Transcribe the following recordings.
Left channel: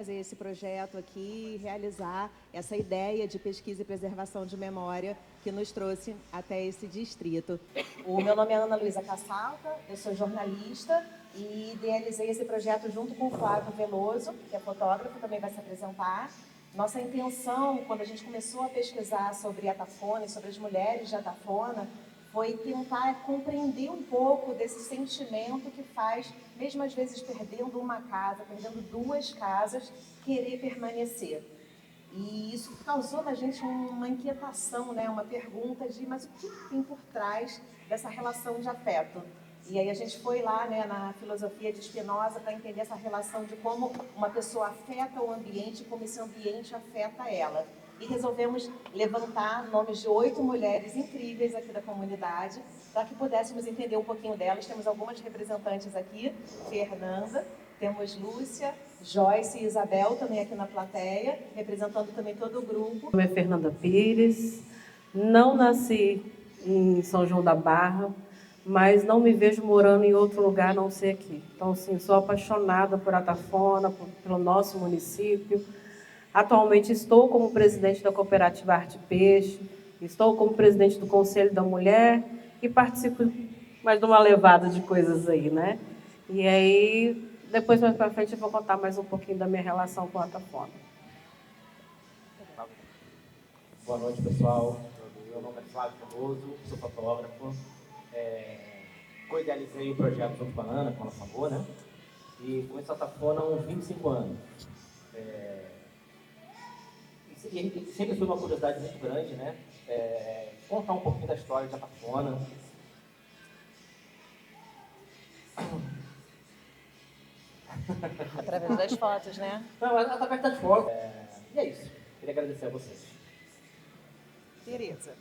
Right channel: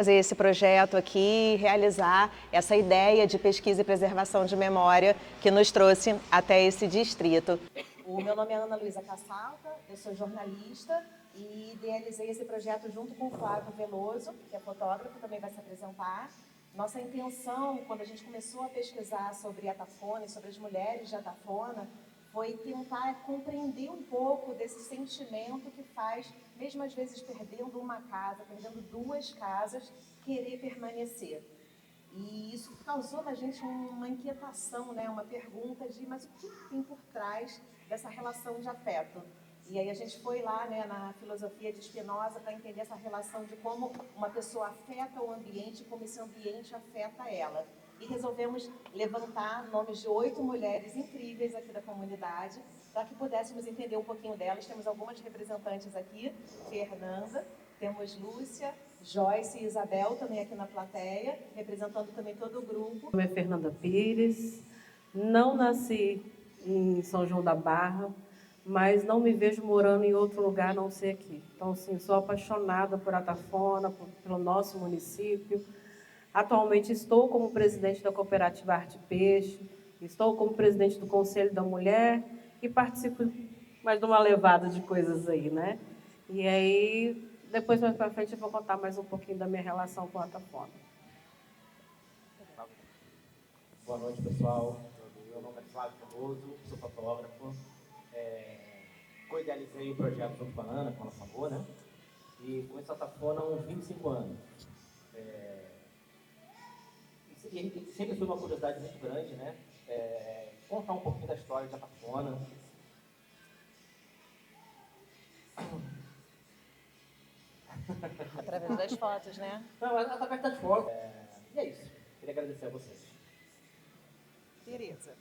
Fazer esse projeto aqui, realizar essa ideia de pesquisa e preservação de memória que nos trouxe até esse distrito. O meu nome é Ana Luísa Caçalta, eu sou jornalista e idealizei esse projeto junto com o Flávio Veloso, que é fotógrafo, também vai se apresentar. Nossa intenção, quando a gente começou a pesquisar sobre Atafona e sobre as mulheres de Atafona, foi tentar compreender um pouco desse sentimento que faz, mesmo às vezes perdendo uma casa, perdendo duas casas, querer permanecer. E isso causou na gente uma inquietação, né? Uma pergunta de, mas o que tem por trás dessa relação de afeto? E aí a gente foi lá, né, na filosofia de Spinoza para entender essa relação de como uma pessoa afeta o ambiente e como esse ambiente afeta ela. E resolvemos levantar nomes de 8 mulheres incríveis aqui da comunidade, para que pudéssemos entender um pouquinho delas. Temos algumas representantes aqui, Fernanda, temos Lúcia, Joyce e Isabel também aqui na plateia, representando também todo o grupo. Meu nome é Fernanda Pires, não nasci em São João da Barra, mas não me vejo morando em outro lugar a não ser aqui. Então, sim, sou apaixonada por Atafona, pelo nosso município. Atualmente estou como presidente da Cooperativa Arte Peixe, estou como presidente do Conselho da Mulher e participo mais de uma levada de coisas aí, né? E aí, depois mais para frente eu vou contar mais um pouquinho da minha relação com a Atafona. Boa noite, pessoal. Meu nome é Flávio Veloso, sou fotógrafo. Co-idealizei o projeto junto com a Ana, como ela falou, né? E conheço a Atafona há uns 25 anos. E sempre foi uma curiosidade muito grande, né? Contar um pouquinho da história de Atafona. Através das fotos, né? Não, através das fotos. E é isso. Queria agradecer a vocês. Tereza.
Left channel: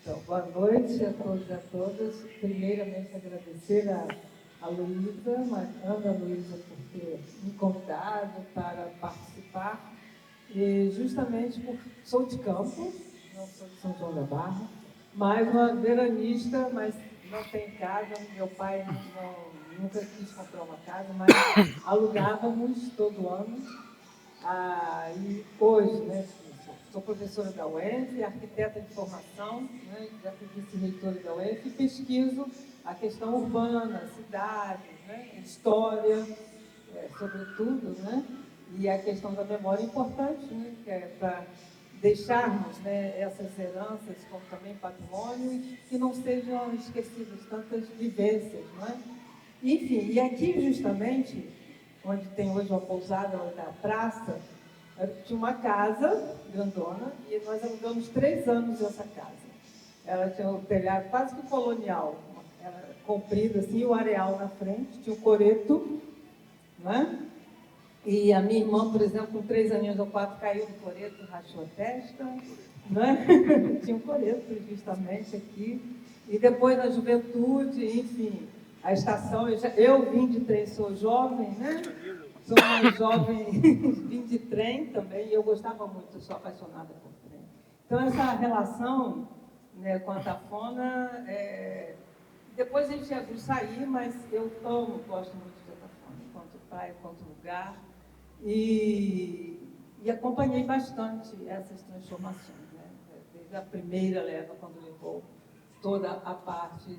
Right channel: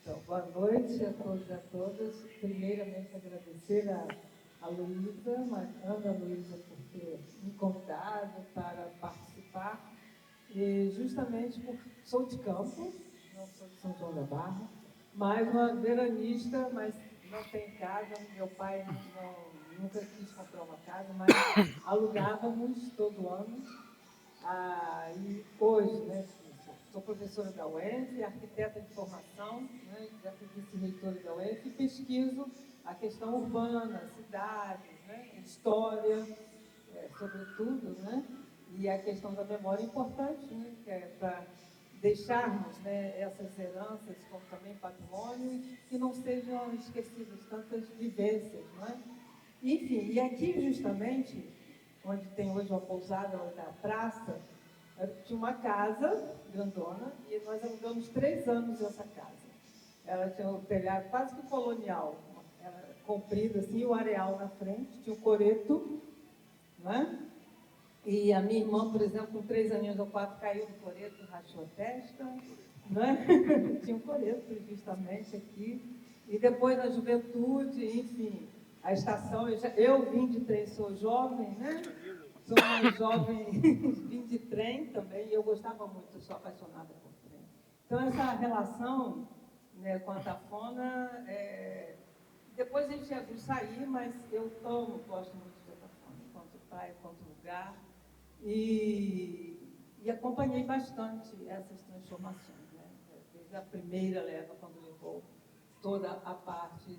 Então, boa noite a todos e a todas. Primeiramente, agradecer a Luísa, Ana Luísa, por ter me convidado para participar. E justamente sou de Campos, não sou de São João da Barra, mas uma veranista, mas não tem casa. Meu pai nunca quis comprar uma casa, mas alugávamos todo ano. E hoje, né, sou professora da UENF, arquiteta de formação, né, já fui vice-reitora da UENF, e pesquiso a questão urbana, cidade, né, história, sobretudo, né, e a questão da memória é importante, né, que é para deixarmos, né, essas heranças como também patrimônio e que não sejam esquecidas tantas vivências, não é? Enfim, e aqui justamente, onde tem hoje uma pousada da praça, tinha uma casa grandona e nós alugamos 3 anos essa casa. Ela tinha um telhado quase que colonial, era comprido assim, o areal na frente, tinha um coreto, né? E a minha irmã, por exemplo, com 3 aninhos ou 4, caiu do coreto, rachou a testa, né? Tinha um coreto justamente aqui. E depois na juventude, enfim, a estação, eu vim de trem, sou jovem, né? Sou uma jovem, vim de trem também, e eu gostava muito, sou apaixonada por trem. Então, essa relação, né, com a Atafona, depois a gente ia sair, mas eu gosto muito de Atafona, quanto praia, quanto lugar, e acompanhei bastante essas transformações, né? Desde a primeira leva, quando levou toda a parte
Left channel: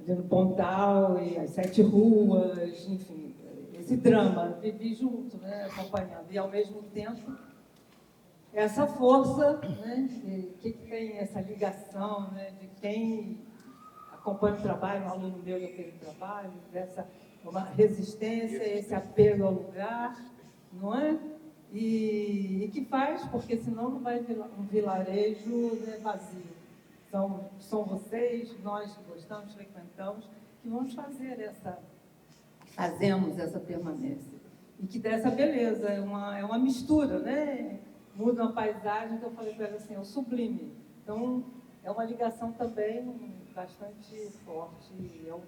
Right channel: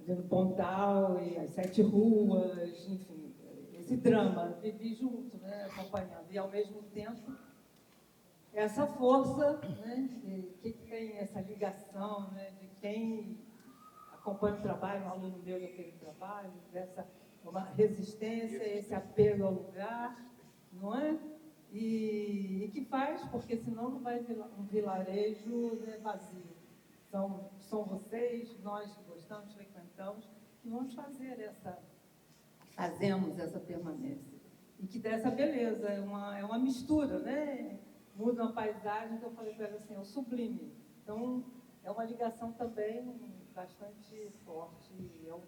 do Pontal e as 7 ruas, enfim, esse drama, vivi junto, né, acompanhando, e ao mesmo tempo essa força, né, que tem essa ligação, né, de quem acompanha o trabalho, um aluno meu já fez o trabalho, uma resistência, esse apelo ao lugar, não é? E que faz, porque senão não vai um vilarejo, né, vazio. São vocês, nós que gostamos, frequentamos, que vamos fazemos essa permanência. E que dá essa beleza, é uma mistura, né? Muda uma paisagem, que eu falei para ela assim, é o sublime. Então, é uma ligação também bastante forte. É um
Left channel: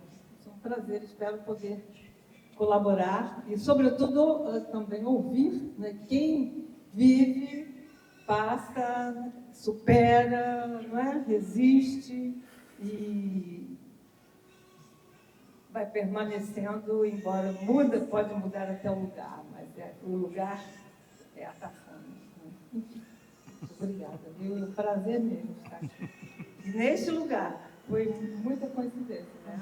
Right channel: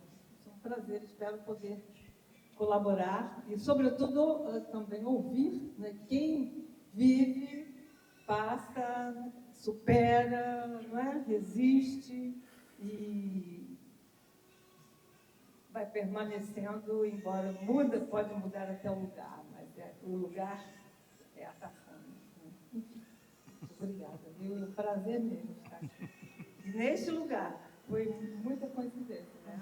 prazer, espero poder colaborar e, sobretudo, também ouvir, né, quem vive, passa, supera, não é? Resiste e vai permanecendo, embora pode mudar até o lugar, mas o lugar é a Tafona. Obrigada, viu? É um prazer mesmo estar aqui. Neste lugar, foi muita coincidência, né?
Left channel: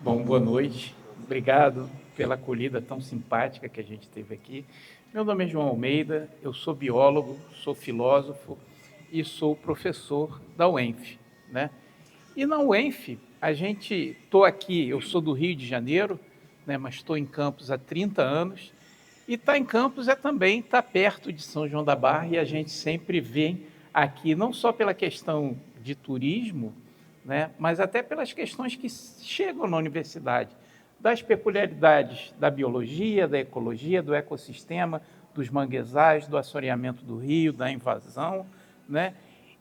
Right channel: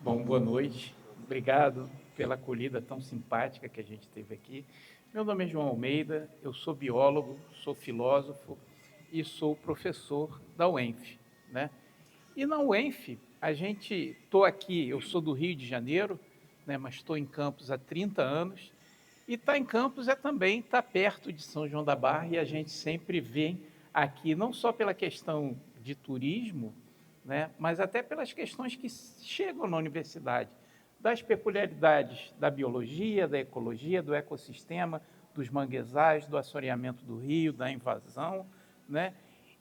Bom, boa noite. Obrigado pela acolhida tão simpática que a gente teve aqui. Meu nome é João Almeida, eu sou biólogo, sou filósofo e sou professor da UENF, né? E na UENF, estou aqui, eu sou do Rio de Janeiro, né, mas estou em Campos há 30 anos, e estar em Campos também estar perto de São João da Barra, e a gente sempre vem aqui, não só pela questão de turismo, né, mas até pelas questões que chegam na universidade, das peculiaridades da biologia, da ecologia, do ecossistema, dos manguezais, do assoreamento do rio, da invasão, né,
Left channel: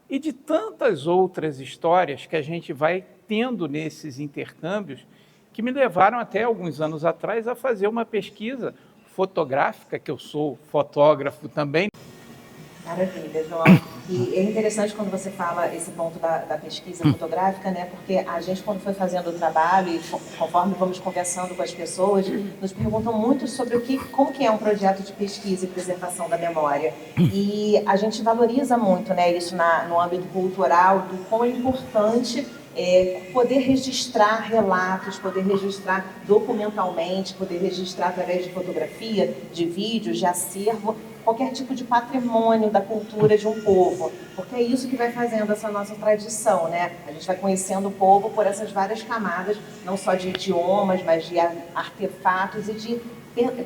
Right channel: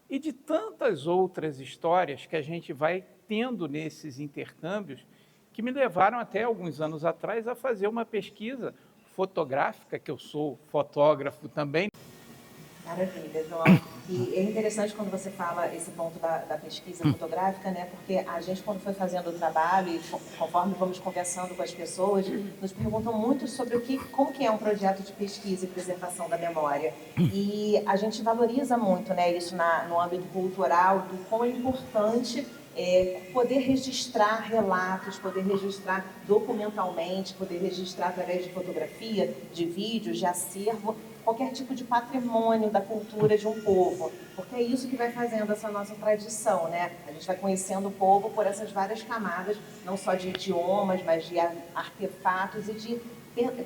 e de tantas outras histórias que a gente vai tendo nesses intercâmbios, que me levaram até alguns anos atrás a fazer uma pesquisa fotográfica, que eu sou fotógrafo também. Maravilha, João. E é interessante quando você fala esse ponto da pesquisa fotográfica, né? Porque a gente, quando foi fazendo o trabalho e conforme vamos conversando com as pessoas, nos perguntam muito sobre como que é um projeto de pesquisa e preservação da memória. E a gente valoriza muito, né, isso no âmbito cultural, do quão é importante poder registrar relatos, poder registrar documentalmente, poder registrar através de fotografia, de vídeos, de acervo, qualquer tipo de patrimônio da cultura de um povo, porque é isso que vai fazendo essa nossa tradição, né? A gente vai conhecendo o povo por essas várias camadas, não só de idiomas, mas de artefatos e de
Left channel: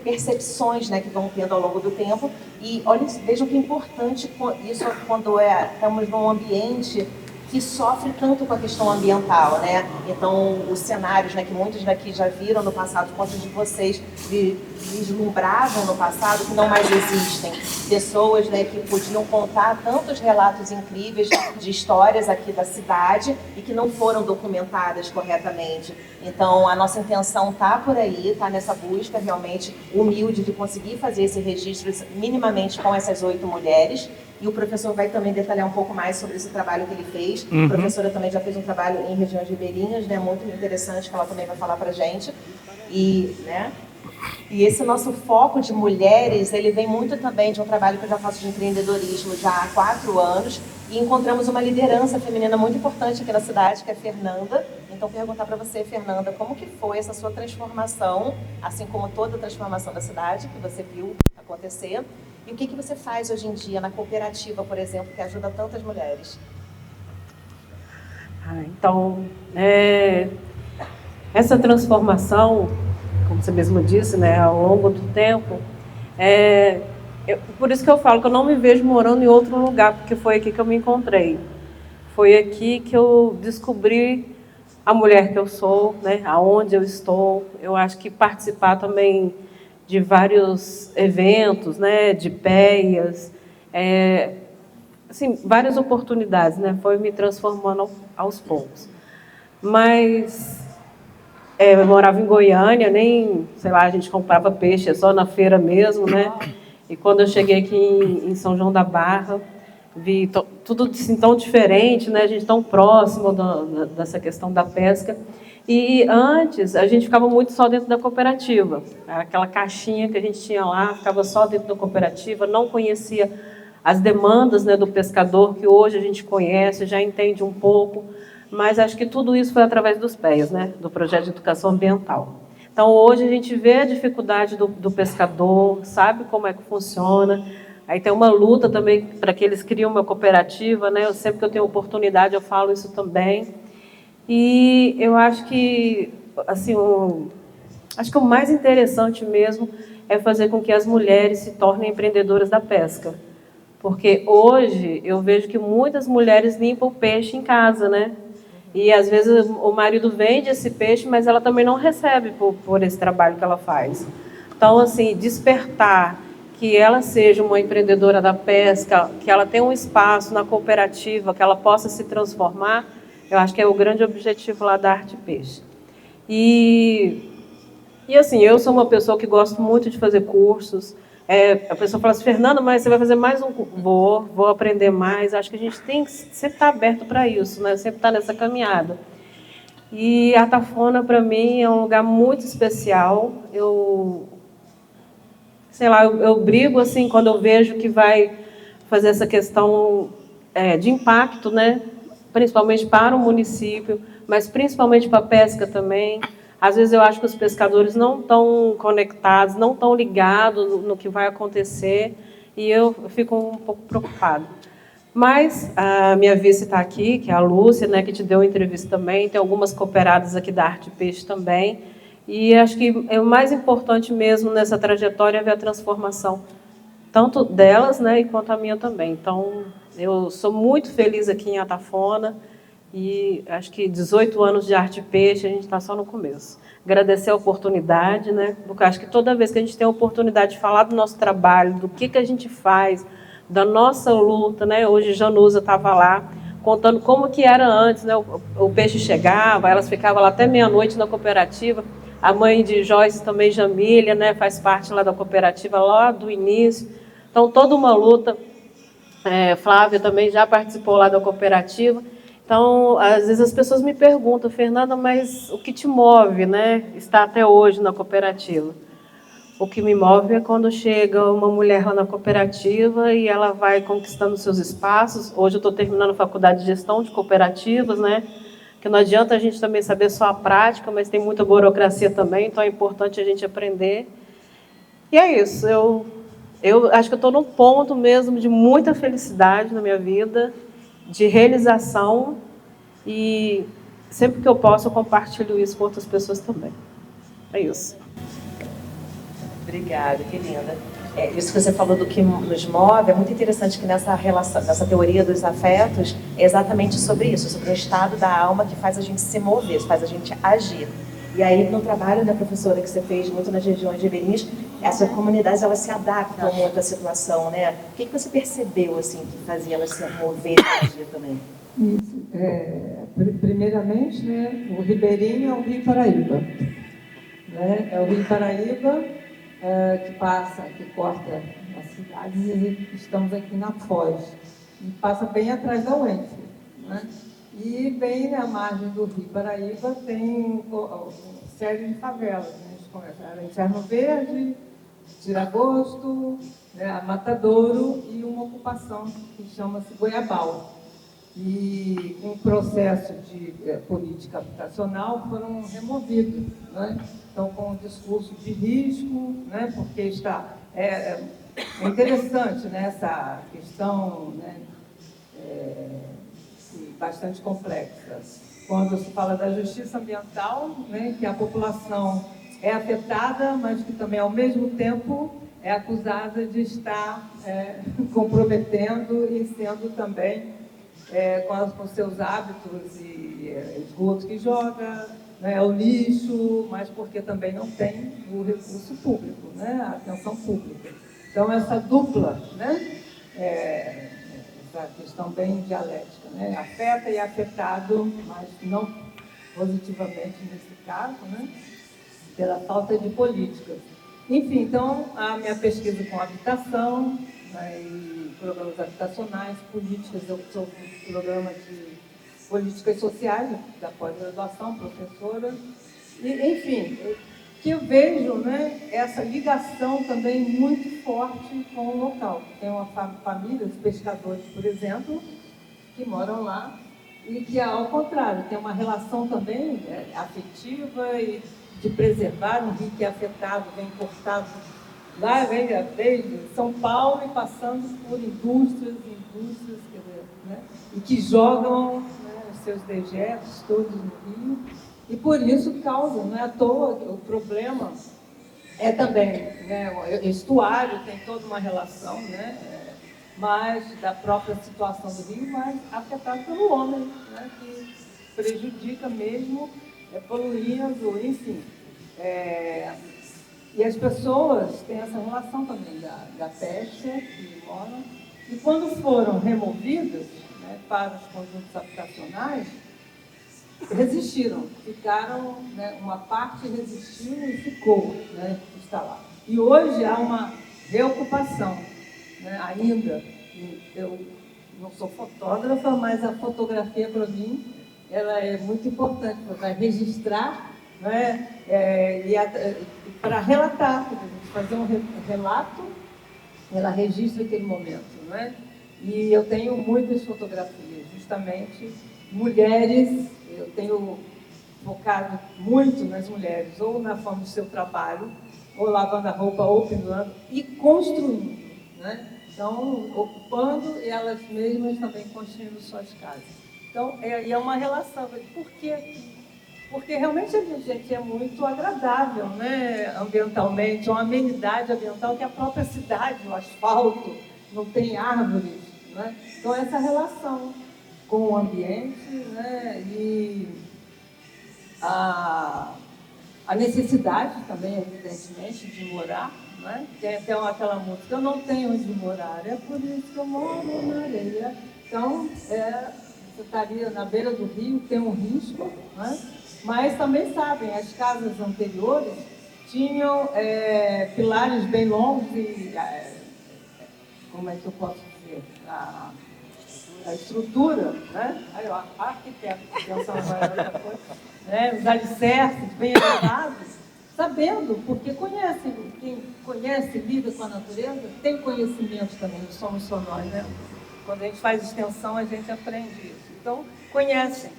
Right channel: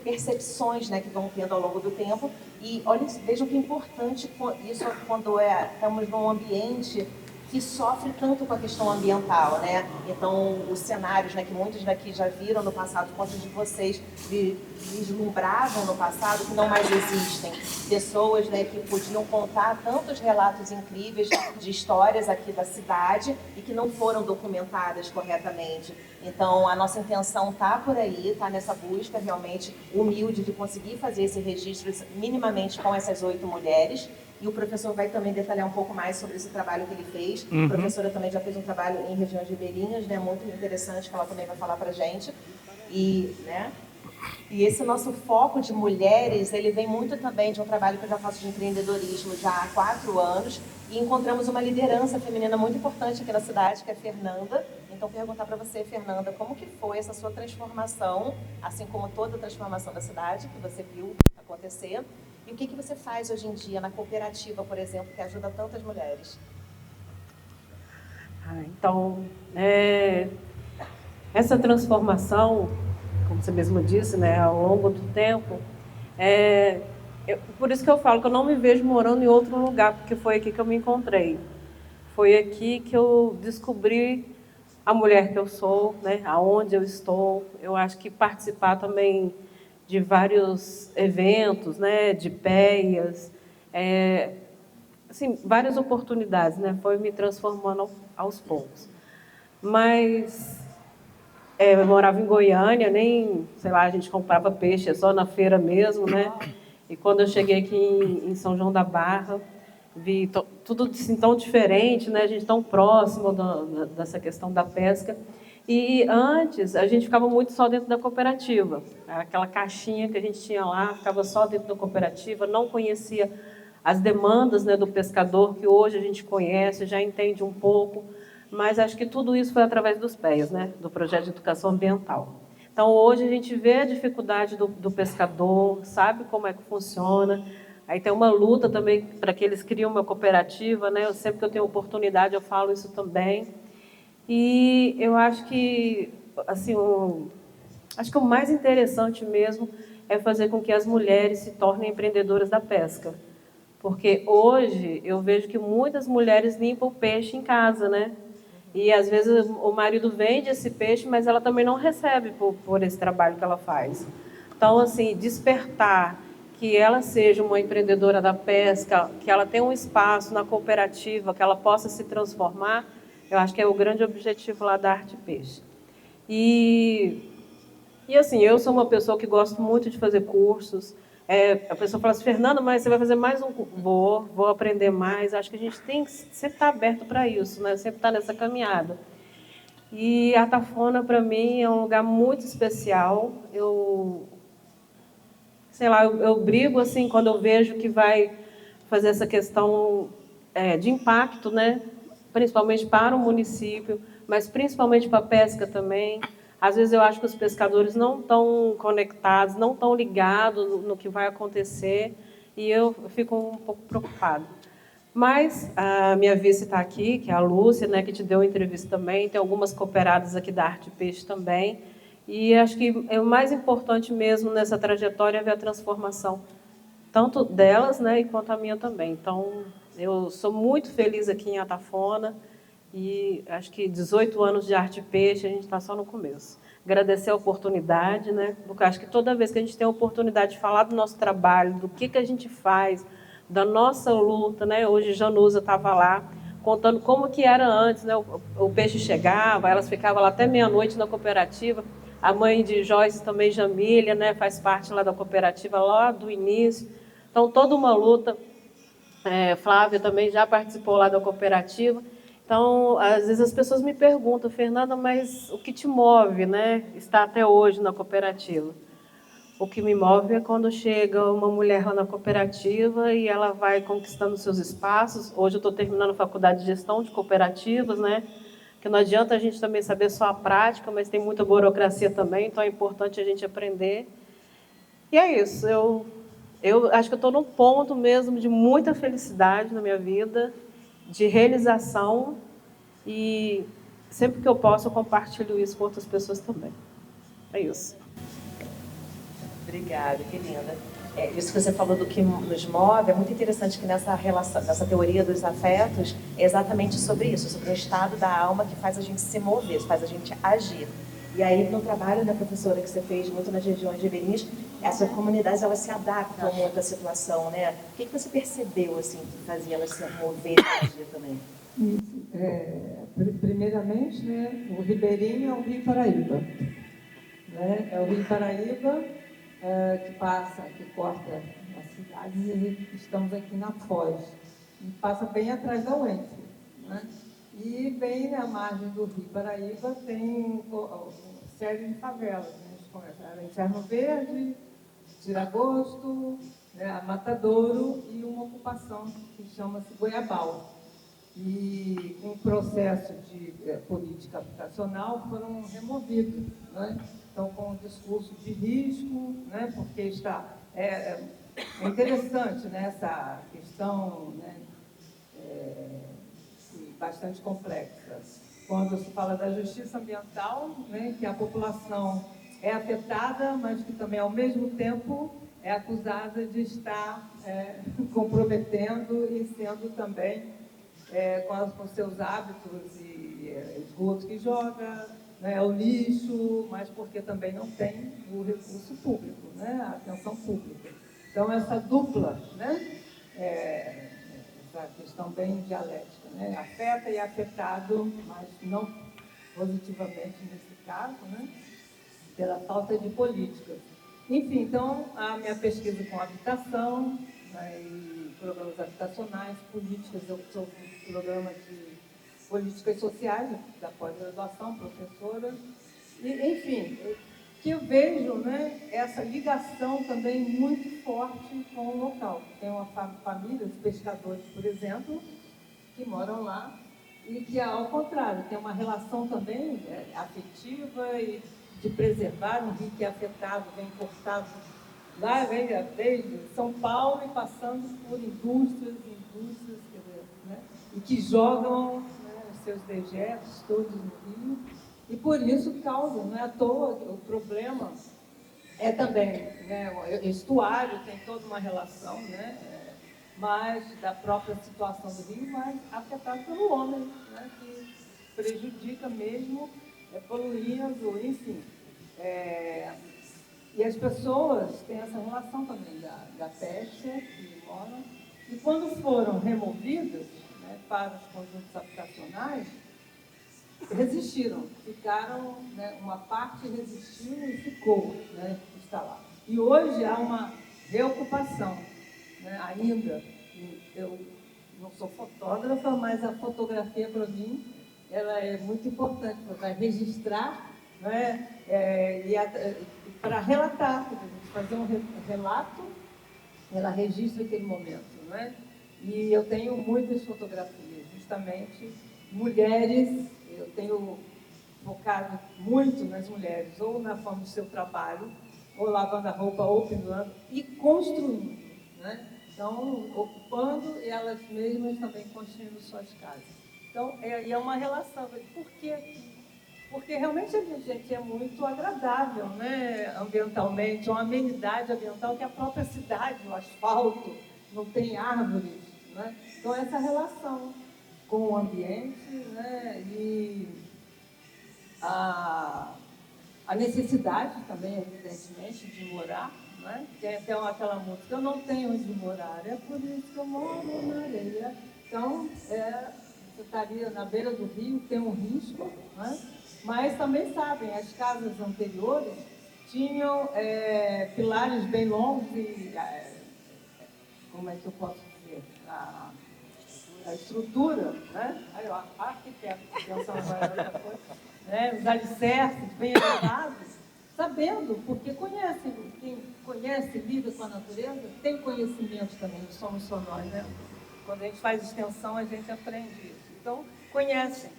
percepções, né, que vão tendo ao longo do tempo. E olha, vejam que importante isso quando estamos num ambiente que sofre tanto com a questão ambiental, né? Então, os cenários, né, que muitos daqui já viram no passado, quantos de vocês vislumbravam no passado, que não mais existem. Pessoas, né, que podiam contar tantos relatos incríveis de histórias aqui da cidade e que não foram documentadas corretamente. Então, a nossa intenção está por aí, está nessa busca realmente humilde de conseguir fazer esse registro minimamente com essas 8 mulheres. E o professor vai também detalhar um pouco mais sobre esse trabalho que ele fez. A professora também já fez um trabalho em regiões ribeirinhas, né, muito interessante, que ela também vai falar para a gente. E esse nosso foco de mulheres, ele vem muito também de um trabalho que eu já faço de empreendedorismo já há 4 anos. E encontramos uma liderança feminina muito importante aqui na cidade, que é a Fernanda. Então, perguntar para você, Fernanda, como que foi essa sua transformação, assim como toda a transformação da cidade que você viu acontecer? E o que você faz hoje em dia na cooperativa, por exemplo, que ajuda tantas mulheres? Então, essa transformação, como você mesmo disse, né, ao longo do tempo, por isso que eu falo que eu não me vejo morando em outro lugar, porque foi aqui que eu me encontrei. Foi aqui que eu descobri a mulher que eu sou, né, aonde eu estou. Eu acho que participar também de vários eventos, né, de PEAs, assim, várias oportunidades, né, foi me transformando aos poucos. Mas eu morava em Goiânia, sei lá, a gente comprava peixe só na feira mesmo, né? E quando eu cheguei aqui em São João da Barra, vi tudo assim, tão diferente, né? A gente tão próximo dessa questão da pesca. E antes, a gente ficava muito só dentro da cooperativa. Aquela caixinha que a gente tinha lá, ficava só dentro da cooperativa, não conhecia as demandas, né, do pescador, que hoje a gente conhece, já entende um pouco, mas acho que tudo isso foi através dos PEAs, né, do Projeto de Educação Ambiental. Então, hoje a gente vê a dificuldade do pescador, sabe como é que funciona. Aí tem uma luta também para que eles criem uma cooperativa, né? Sempre que eu tenho oportunidade, eu falo isso também. E eu acho que, assim, acho que o mais interessante mesmo é fazer com que as mulheres se tornem empreendedoras da pesca. Porque hoje eu vejo que muitas mulheres limpam o peixe em casa, né? E às vezes o marido vende esse peixe, mas ela também não recebe por esse trabalho que ela faz. Então, assim, despertar que ela seja uma empreendedora da pesca, que ela tenha um espaço na cooperativa, que ela possa se transformar, eu acho que é o grande objetivo lá da Arte Peixe. E assim, eu sou uma pessoa que gosto muito de fazer cursos. A pessoa fala assim, Fernanda, mas você vai fazer mais um curso? Vou aprender mais. Acho que a gente tem que sempre estar aberto para isso, né? Sempre estar nessa caminhada. E a Tafona, para mim, é um lugar muito especial. Eu brigo assim quando eu vejo que vai fazer essa questão de impacto, né? Principalmente para o município, mas principalmente para a pesca também. Às vezes eu acho que os pescadores não estão conectados, não estão ligados no que vai acontecer, e eu fico um pouco preocupada. Mas a minha vice está aqui, que é a Lúcia, né, que te deu uma entrevista também, tem algumas cooperadas aqui da Arte Peixe também, e acho que o mais importante mesmo nessa trajetória é ver a transformação, tanto delas, né, quanto a minha também. Então, eu sou muito feliz aqui em Atafona, e acho que 18 anos de Arte Peixe, a gente está só no começo. Agradecer a oportunidade, né, porque acho que toda vez que a gente tem a oportunidade de falar do nosso trabalho, do que a gente faz, da nossa luta, né? Hoje Janusa estava lá contando como que era antes, né? O peixe chegava, elas ficavam lá até meia-noite na cooperativa. A mãe de Joyce também, Jamília, né? Faz parte lá da cooperativa lá do início. Então toda uma luta. Flávia também já participou lá da cooperativa. Então às vezes as pessoas me perguntam, Fernanda, mas o que te move, né? Estar até hoje na cooperativa? O que me move é quando chega uma mulher lá na cooperativa e ela vai conquistando seus espaços. Hoje eu estou terminando a faculdade de gestão de cooperativas, né? Que não adianta a gente também saber só a prática, mas tem muita burocracia também, então é importante a gente aprender. E é isso, eu acho que eu estou num ponto mesmo de muita felicidade na minha vida, de realização, e sempre que eu posso eu compartilho isso com outras pessoas também. É isso. Obrigada, que linda. Isso que você falou do que nos move, é muito interessante que nessa relação, nessa teoria dos afetos, é exatamente sobre isso, sobre o estado da alma que faz a gente se mover, faz a gente agir. E aí, no trabalho, né, professora, que você fez muito nas regiões ribeirinhas, essas comunidades, elas se adaptam muito à situação, né? O que você percebeu, assim, que fazia elas se mover e agir também? Isso. Primeiramente, né, o ribeirinho é o Rio Paraíba. Né? É o Rio Paraíba que passa, que corta as cidades, e estamos aqui na Foz. E passa bem atrás da UENF. Né? E bem na margem do Rio Paraíba tem uma série de favelas. Né? A gente começa Inferno Verde, Tiragosto, né? A Matadouro e uma ocupação que chama-se Goiabal. E com o processo de política habitacional foram removidos. Né? Então, com o discurso de risco, né? Porque está... É interessante, né? Essa questão, né? Bastante complexa. Quando se fala da justiça ambiental, né? Que a população é afetada, mas que também, ao mesmo tempo, é acusada de estar comprometendo e sendo também com seus hábitos e esgoto que joga, né, o lixo, mas porque também não tem o recurso público, né, a atenção pública. Então, essa dupla, né, essa questão bem dialética, né, afeta e é afetado, mas não positivamente nesse caso, né, pela falta de políticas. Enfim, então, a minha pesquisa com habitação, né, e programas habitacionais, políticas, eu sou um programa de políticas sociais, da pós-graduação, professora, e, enfim, que eu vejo, né, essa ligação também muito forte com o local. Tem uma família, os pescadores, por exemplo, que moram lá, e que, ao contrário, tem uma relação também afetiva e de preservar um rio que é afetado, vem cortado. Lá vem desde São Paulo e passando por indústrias, quer dizer, né? E que jogam, né, os seus dejetos todos no rio. E por isso causa, não é à toa, o problema é também, né, o estuário tem toda uma relação, né, mas da própria situação do rio, mas afetado pelo homem, né, que prejudica mesmo, poluindo, enfim. E as pessoas têm essa relação também da pesca que moram. E quando foram removidas, né, para os conjuntos habitacionais, resistiram, ficaram, né, uma parte resistiu e ficou, né, está lá. E hoje há uma reocupação, né, ainda. Eu não sou fotógrafa, mas a fotografia para mim ela é muito importante para registrar, né? Para relatar, para a gente fazer um relato, ela registra aquele momento, né? E eu tenho muitas fotografias, justamente mulheres, eu tenho focado muito nas mulheres, ou na forma do seu trabalho, ou lavando a roupa, ou pendurando, e construindo, né? Então, ocupando e elas mesmas também construindo suas casas. Então, é uma relação. Por quê? Porque realmente a gente é muito agradável, né? Ambientalmente, uma amenidade ambiental que a própria cidade, o asfalto, não tem árvores, né? Então, essa relação com o ambiente, né? E a necessidade também, evidentemente, de morar, né? Tem até aquela música, eu não tenho onde morar, é por isso que eu moro na areia. Então, você estaria na beira do rio, tem um risco, né? Mas também sabem, as casas anteriores tinham pilares bem longos e, como é que eu posso dizer, a estrutura, né? Aí, ó, arquiteto, pensando agora outra coisa, né? Os alicerces bem elevados, sabendo, porque conhecem, quem conhece, lida com a natureza, tem conhecimento também, não somos só nós, né? Quando a gente faz extensão, a gente aprende isso. Então, conhecem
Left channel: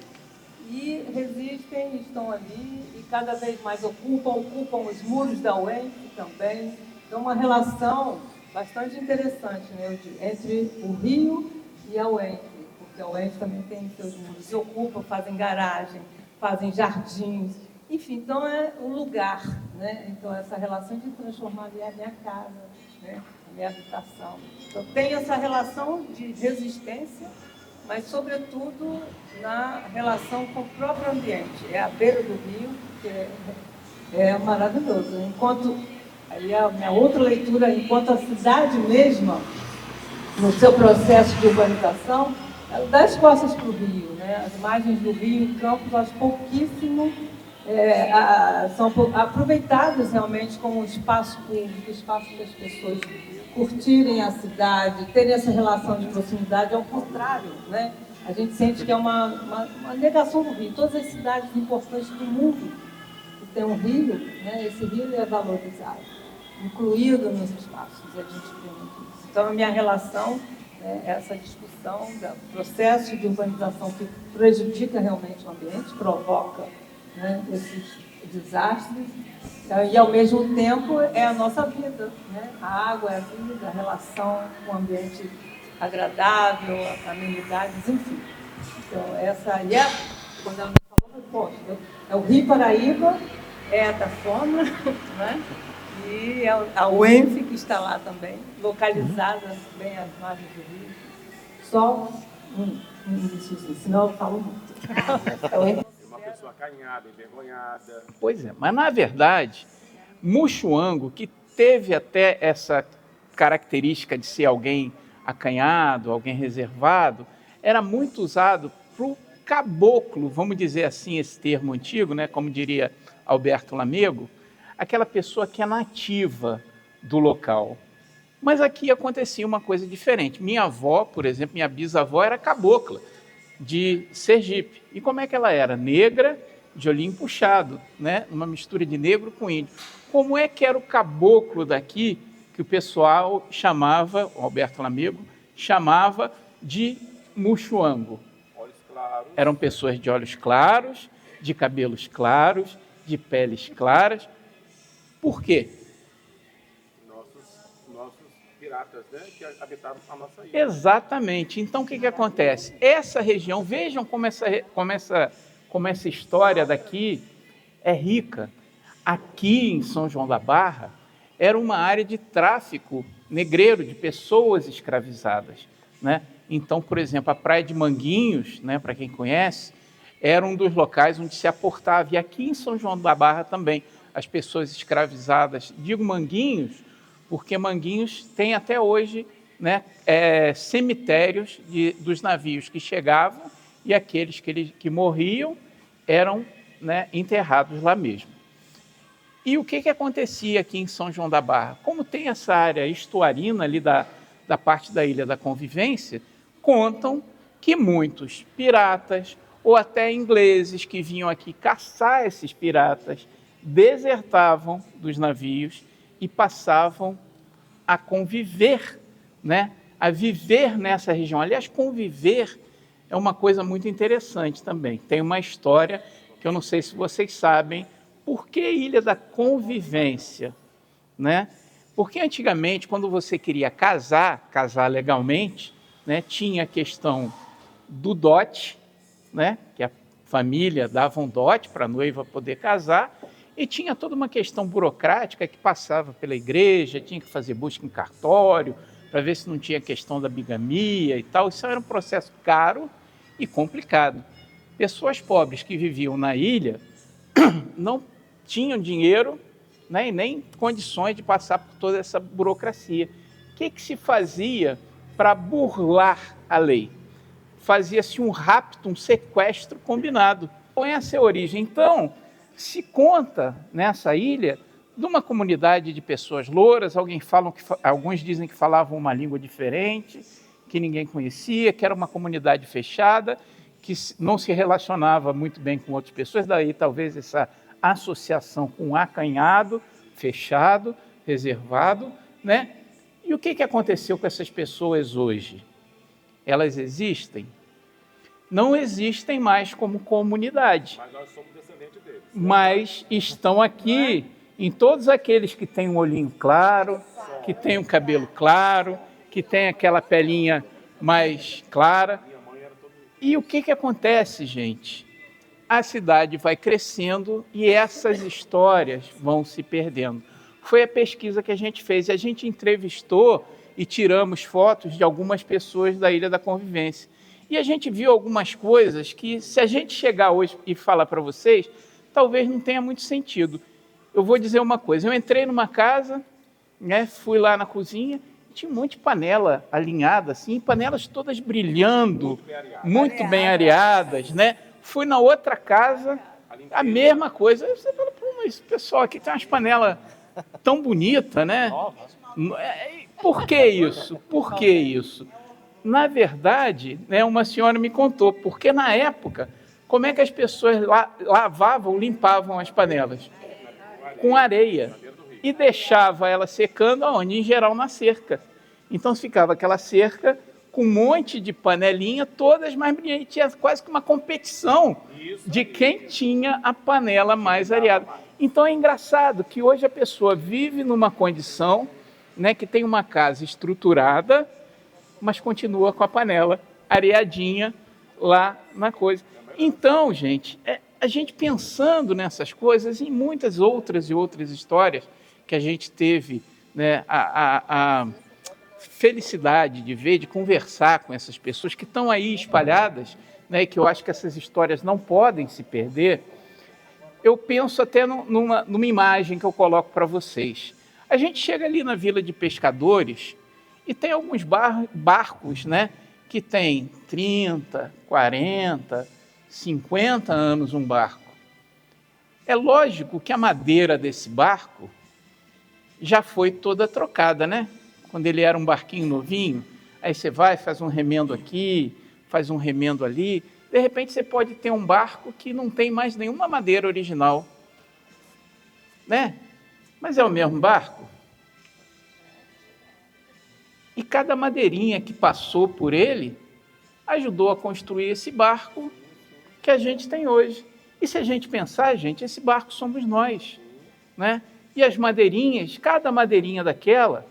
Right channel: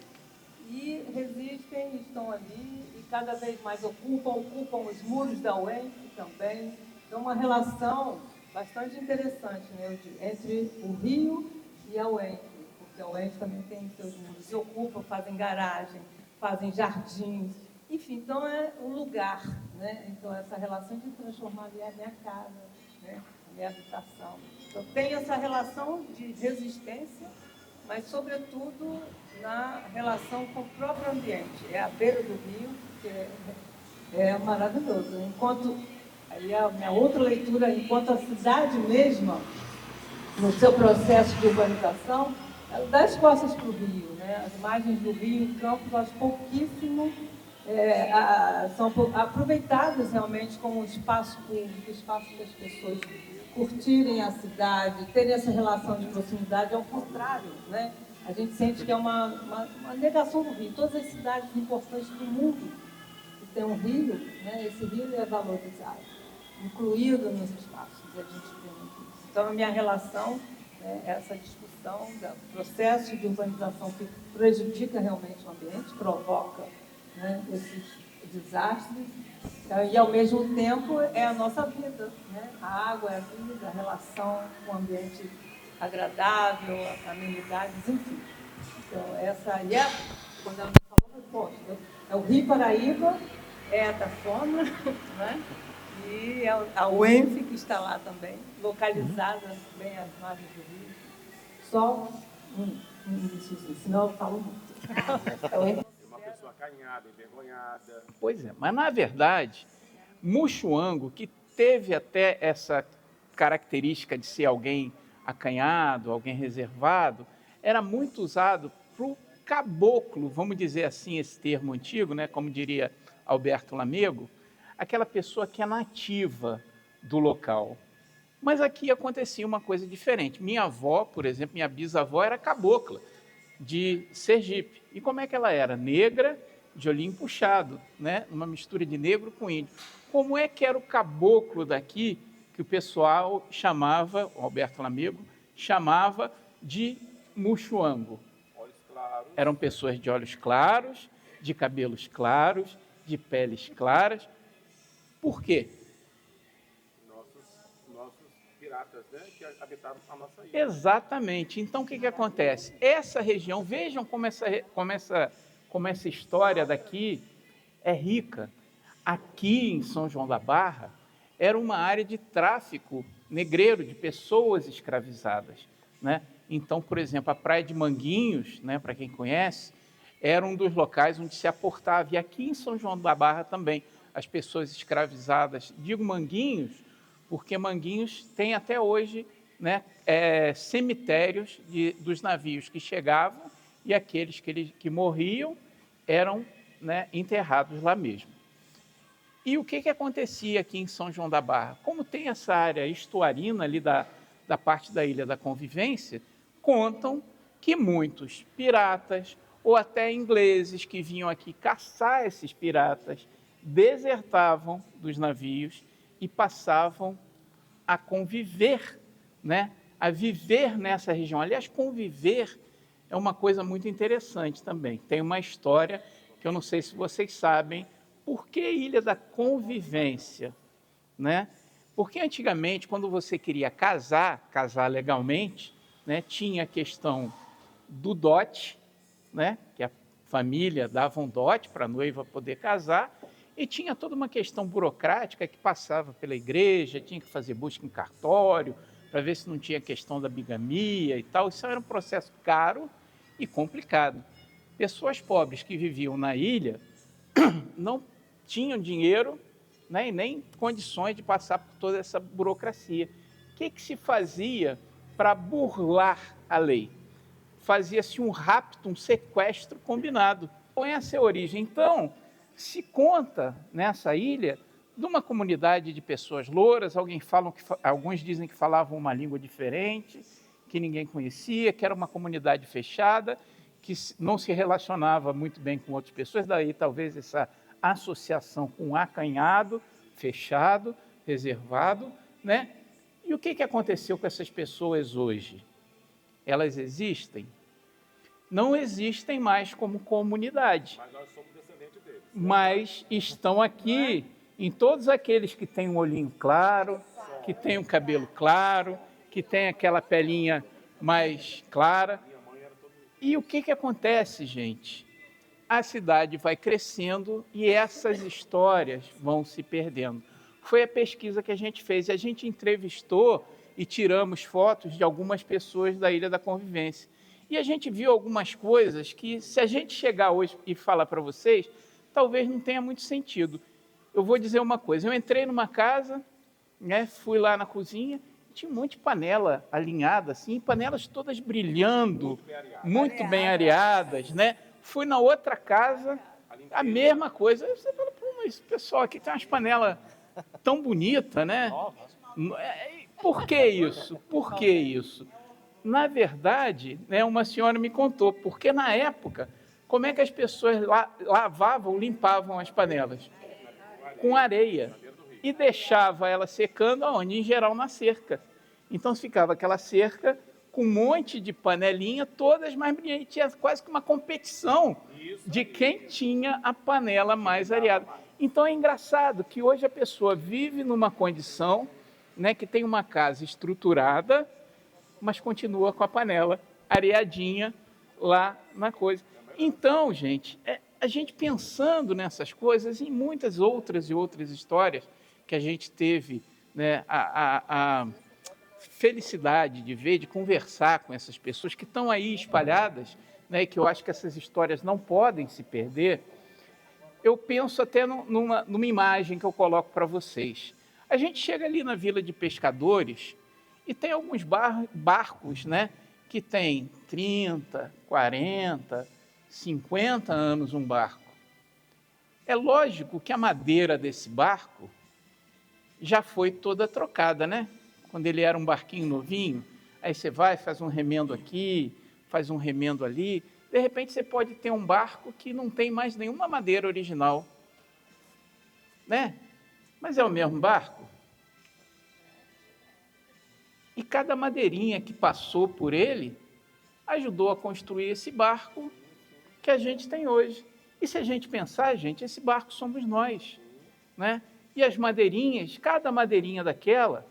e resistem, estão ali e cada vez mais ocupam os muros da UENF também. Então, uma relação bastante interessante, né, entre o Rio e a UENF, porque a UENF também tem seus muros, se ocupam, fazem garagem, fazem jardins, enfim, então é um lugar, né? Então, essa relação de transformar ali a minha casa, né? A minha habitação. Então, tem essa relação de resistência, mas, sobretudo, na relação com o próprio ambiente. É a beira do rio, que é maravilhoso. Enquanto, aí a minha outra leitura, enquanto a cidade mesma, no seu processo de urbanização, ela dá as costas para o rio, né? As imagens do rio em Campos, acho pouquíssimo, são aproveitadas realmente como espaço público, espaço para as pessoas curtirem a cidade, terem essa relação de proximidade. Ao contrário, né? A gente sente que é uma negação do rio. Todas as cidades importantes do mundo que tem um rio, né? Esse rio é valorizado, incluído nos espaços, a gente vê muito isso. Então, a minha relação é essa discussão do processo de urbanização que prejudica realmente o ambiente, provoca, né, esses desastres, e ao mesmo tempo é a nossa vida, né? A água é a vida, a relação com o ambiente agradável, amenidades, enfim. Então, essa aí quando ela é o Rio Paraíba, é a Tafona, né? E a UENF, que está lá também, localizada bem às margens do rio. Só um iníciozinho, senão eu falo muito. Uma pessoa acanhada, envergonhada. Pois é, mas na verdade, Muxuango, que teve até essa característica de ser alguém acanhado, alguém reservado, era muito usado para o caboclo, vamos dizer assim, esse termo antigo, né, como diria Alberto Lamego, aquela pessoa que é nativa do local. Mas aqui acontecia uma coisa diferente. Minha avó, por exemplo, minha bisavó era cabocla de Sergipe. E como é que ela era? Negra, de olhinho puxado, né? Uma mistura de negro com índio. Como é que era o caboclo daqui, que o pessoal chamava, o Alberto Lamego, chamava de Muxuango? Olhos claros. Eram pessoas de olhos claros, de cabelos claros, de peles claras. Por quê? Nossos piratas, né, que habitavam a nossa ilha. Exatamente. Então, o que acontece? Essa região, vejam como essa história daqui é rica. Aqui em São João da Barra, era uma área de tráfico negreiro, de pessoas escravizadas, né? Então, por exemplo, a Praia de Manguinhos, né, para quem conhece, era um dos locais onde se aportava. E aqui em São João da Barra também, as pessoas escravizadas, digo Manguinhos, porque Manguinhos tem até hoje, né, cemitérios dos navios que chegavam e aqueles que morriam eram, né, enterrados lá mesmo. E o que acontecia aqui em São João da Barra? Como tem essa área estuarina ali da parte da Ilha da Convivência, contam que muitos piratas ou até ingleses que vinham aqui caçar esses piratas, desertavam dos navios e passavam a conviver, né? A viver nessa região. Aliás, conviver é uma coisa muito interessante também. Tem uma história que eu não sei se vocês sabem. Por que Ilha da Convivência? Né? Porque antigamente, quando você queria casar legalmente, né, tinha a questão do dote, né, que a família dava um dote para a noiva poder casar, e tinha toda uma questão burocrática que passava pela igreja, tinha que fazer busca em cartório, para ver se não tinha questão da bigamia e tal. Isso era um processo caro e complicado. Pessoas pobres que viviam na ilha não tinham dinheiro, né, e nem condições de passar por toda essa burocracia. O que se fazia para burlar a lei? Fazia-se um rapto, um sequestro combinado. Então, essa é a origem. Então, se conta nessa ilha de uma comunidade de pessoas louras, alguns dizem que falavam uma língua diferente, que ninguém conhecia, que era uma comunidade fechada, que não se relacionava muito bem com outras pessoas, daí talvez essa associação com um acanhado, fechado, reservado, né? E o que aconteceu com essas pessoas hoje? Elas existem? Não existem mais como comunidade. Mas nós somos descendentes deles. Mas estão aqui em todos aqueles que têm um olhinho claro, que têm um cabelo claro, que têm aquela pelinha mais clara. E o que acontece, gente? A cidade vai crescendo e essas histórias vão se perdendo. Foi a pesquisa que a gente fez. A gente entrevistou e tiramos fotos de algumas pessoas da Ilha da Convivência. E a gente viu algumas coisas que, se a gente chegar hoje e falar para vocês, talvez não tenha muito sentido. Eu vou dizer uma coisa. Eu entrei numa casa, né, fui lá na cozinha, tinha um monte de panela alinhada, assim, panelas todas brilhando, muito bem areadas, né? Fui na outra casa, a mesma coisa. Aí você fala, pô, mas esse pessoal aqui tem umas panelas tão bonitas, né? Por que isso? Por que isso? Na verdade, né, uma senhora me contou, porque na época, como é que as pessoas lavavam, limpavam as panelas? Com areia. E deixava ela secando aonde? Em geral, na cerca. Então ficava aquela cerca com um monte de panelinha, todas mais brilhantes. Tinha quase que uma competição de quem tinha a panela mais areada. Então é engraçado que hoje a pessoa vive numa condição, né, que tem uma casa estruturada, mas continua com a panela areadinha lá na coisa. Então, gente, a gente pensando nessas coisas e em muitas outras histórias que a gente teve, né, a felicidade de ver, de conversar com essas pessoas que estão aí espalhadas, né, que eu acho que essas histórias não podem se perder. Eu penso até numa imagem que eu coloco para vocês. A gente chega ali na Vila de Pescadores e tem alguns barcos, né, que tem 30, 40, 50 anos um barco. É lógico que a madeira desse barco já foi toda trocada, né? Quando ele era um barquinho novinho, aí você vai, faz um remendo aqui, faz um remendo ali. De repente você pode ter um barco que não tem mais nenhuma madeira original, né? Mas é o mesmo barco. E cada madeirinha que passou por ele ajudou a construir esse barco que a gente tem hoje. E se a gente pensar, gente, esse barco somos nós, né? E as madeirinhas, cada madeirinha daquela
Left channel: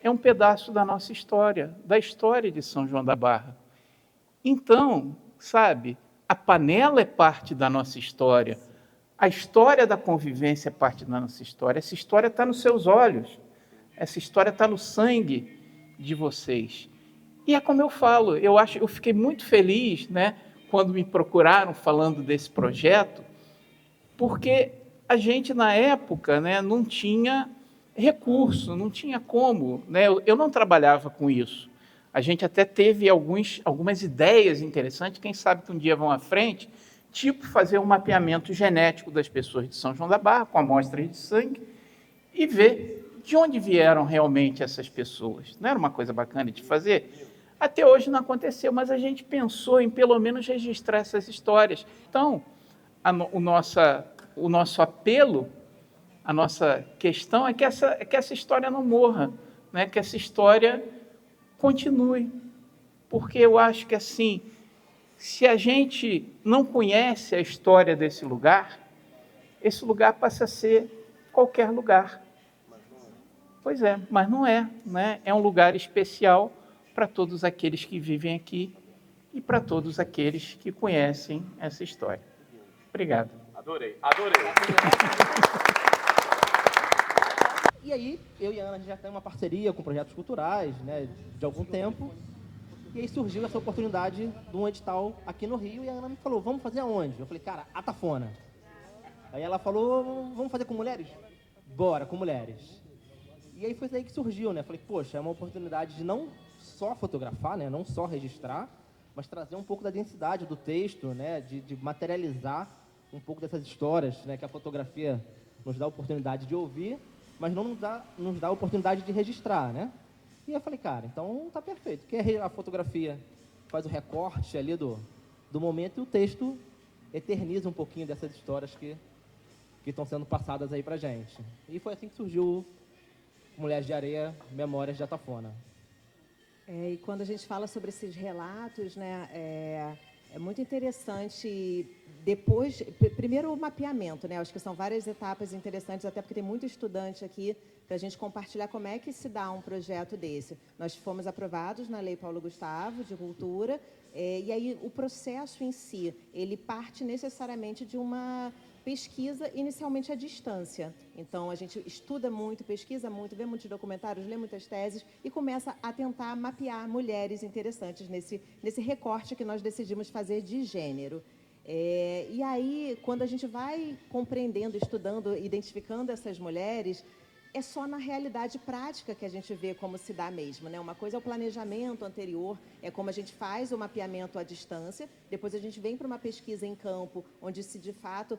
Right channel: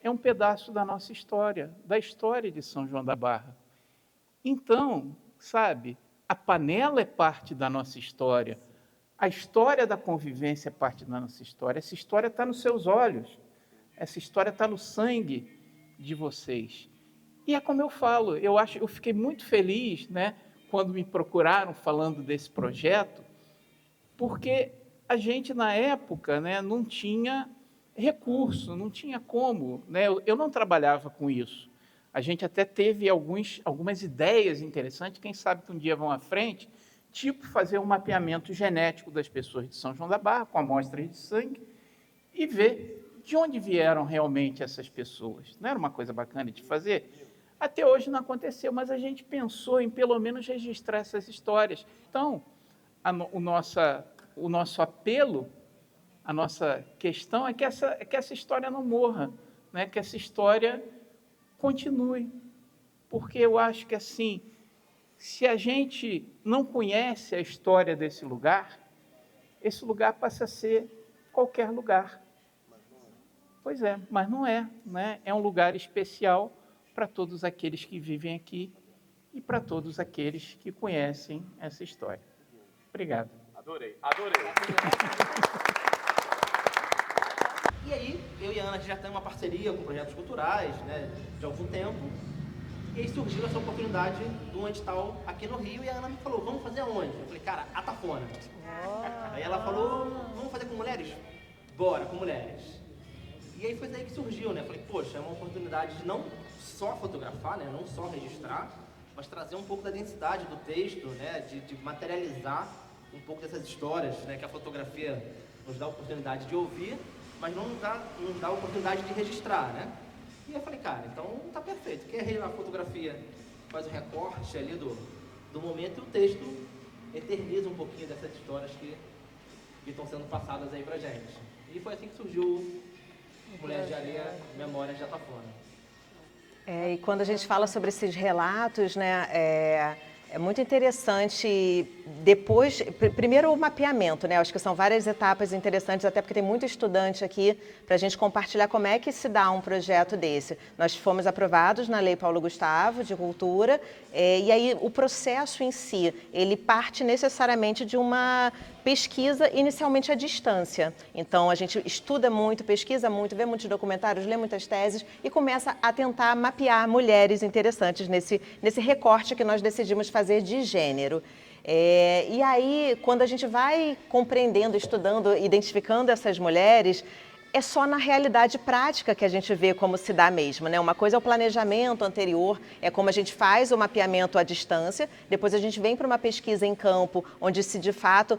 é um pedaço da nossa história, da história de São João da Barra. Então, sabe, a panela é parte da nossa história, a história da convivência é parte da nossa história, essa história está nos seus olhos, essa história está no sangue de vocês. E é como eu falo, eu fiquei muito feliz, né, quando me procuraram falando desse projeto, porque a gente, na época, né, não tinha recurso, não tinha como, né? Eu não trabalhava com isso. A gente até teve algumas ideias interessantes, quem sabe que um dia vão à frente, tipo fazer um mapeamento genético das pessoas de São João da Barra, com amostras de sangue, e ver de onde vieram realmente essas pessoas. Não era uma coisa bacana de fazer? Até hoje não aconteceu, mas a gente pensou em pelo menos registrar essas histórias. Então, o nosso apelo, a nossa questão é que essa história não morra, né? Que essa história continue. Porque eu acho que, assim, se a gente não conhece a história desse lugar, esse lugar passa a ser qualquer lugar. Pois é, mas não é, né? É um lugar especial para todos aqueles que vivem aqui e para todos aqueles que conhecem essa história. Obrigado. Adorei. E aí, eu e a Ana já temos uma parceria com projetos culturais, né, de algum tempo. E aí surgiu essa oportunidade de um edital aqui no Rio e a Ana me falou, vamos fazer aonde? Eu falei, cara, Atafona. Aí ela falou, vamos fazer com mulheres? Bora, com mulheres. E aí foi daí que surgiu, né? Eu falei, poxa, é uma oportunidade de não só fotografar, né, não só registrar, mas trazer um pouco da densidade do texto, né, de materializar um pouco dessas histórias, né, que a fotografia nos dá a oportunidade de ouvir, mas não nos dá a oportunidade de registrar, né? E eu falei, cara, então tá perfeito. Porque a fotografia faz o recorte ali do momento e o texto eterniza um pouquinho dessas histórias que estão sendo passadas aí pra gente. E foi assim que surgiu Mulheres de Areia, Memórias de Atafona. E quando a gente fala sobre esses relatos, né, é muito interessante depois, primeiro o mapeamento, né, acho que são várias etapas interessantes, até porque tem muito estudante aqui para a gente compartilhar como é que se dá um projeto desse. Nós fomos aprovados na Lei Paulo Gustavo, de Cultura, e aí o processo em si, ele parte necessariamente de uma pesquisa inicialmente à distância. Então, a gente estuda muito, pesquisa muito, vê muitos documentários, lê muitas teses e começa a tentar mapear mulheres interessantes nesse recorte que nós decidimos fazer de gênero. E aí, quando a gente vai compreendendo, estudando, identificando essas mulheres, é só na realidade prática que a gente vê como se dá mesmo, né? Uma coisa é o planejamento anterior, é como a gente faz o mapeamento à distância, depois a gente vem para uma pesquisa em campo, onde se de fato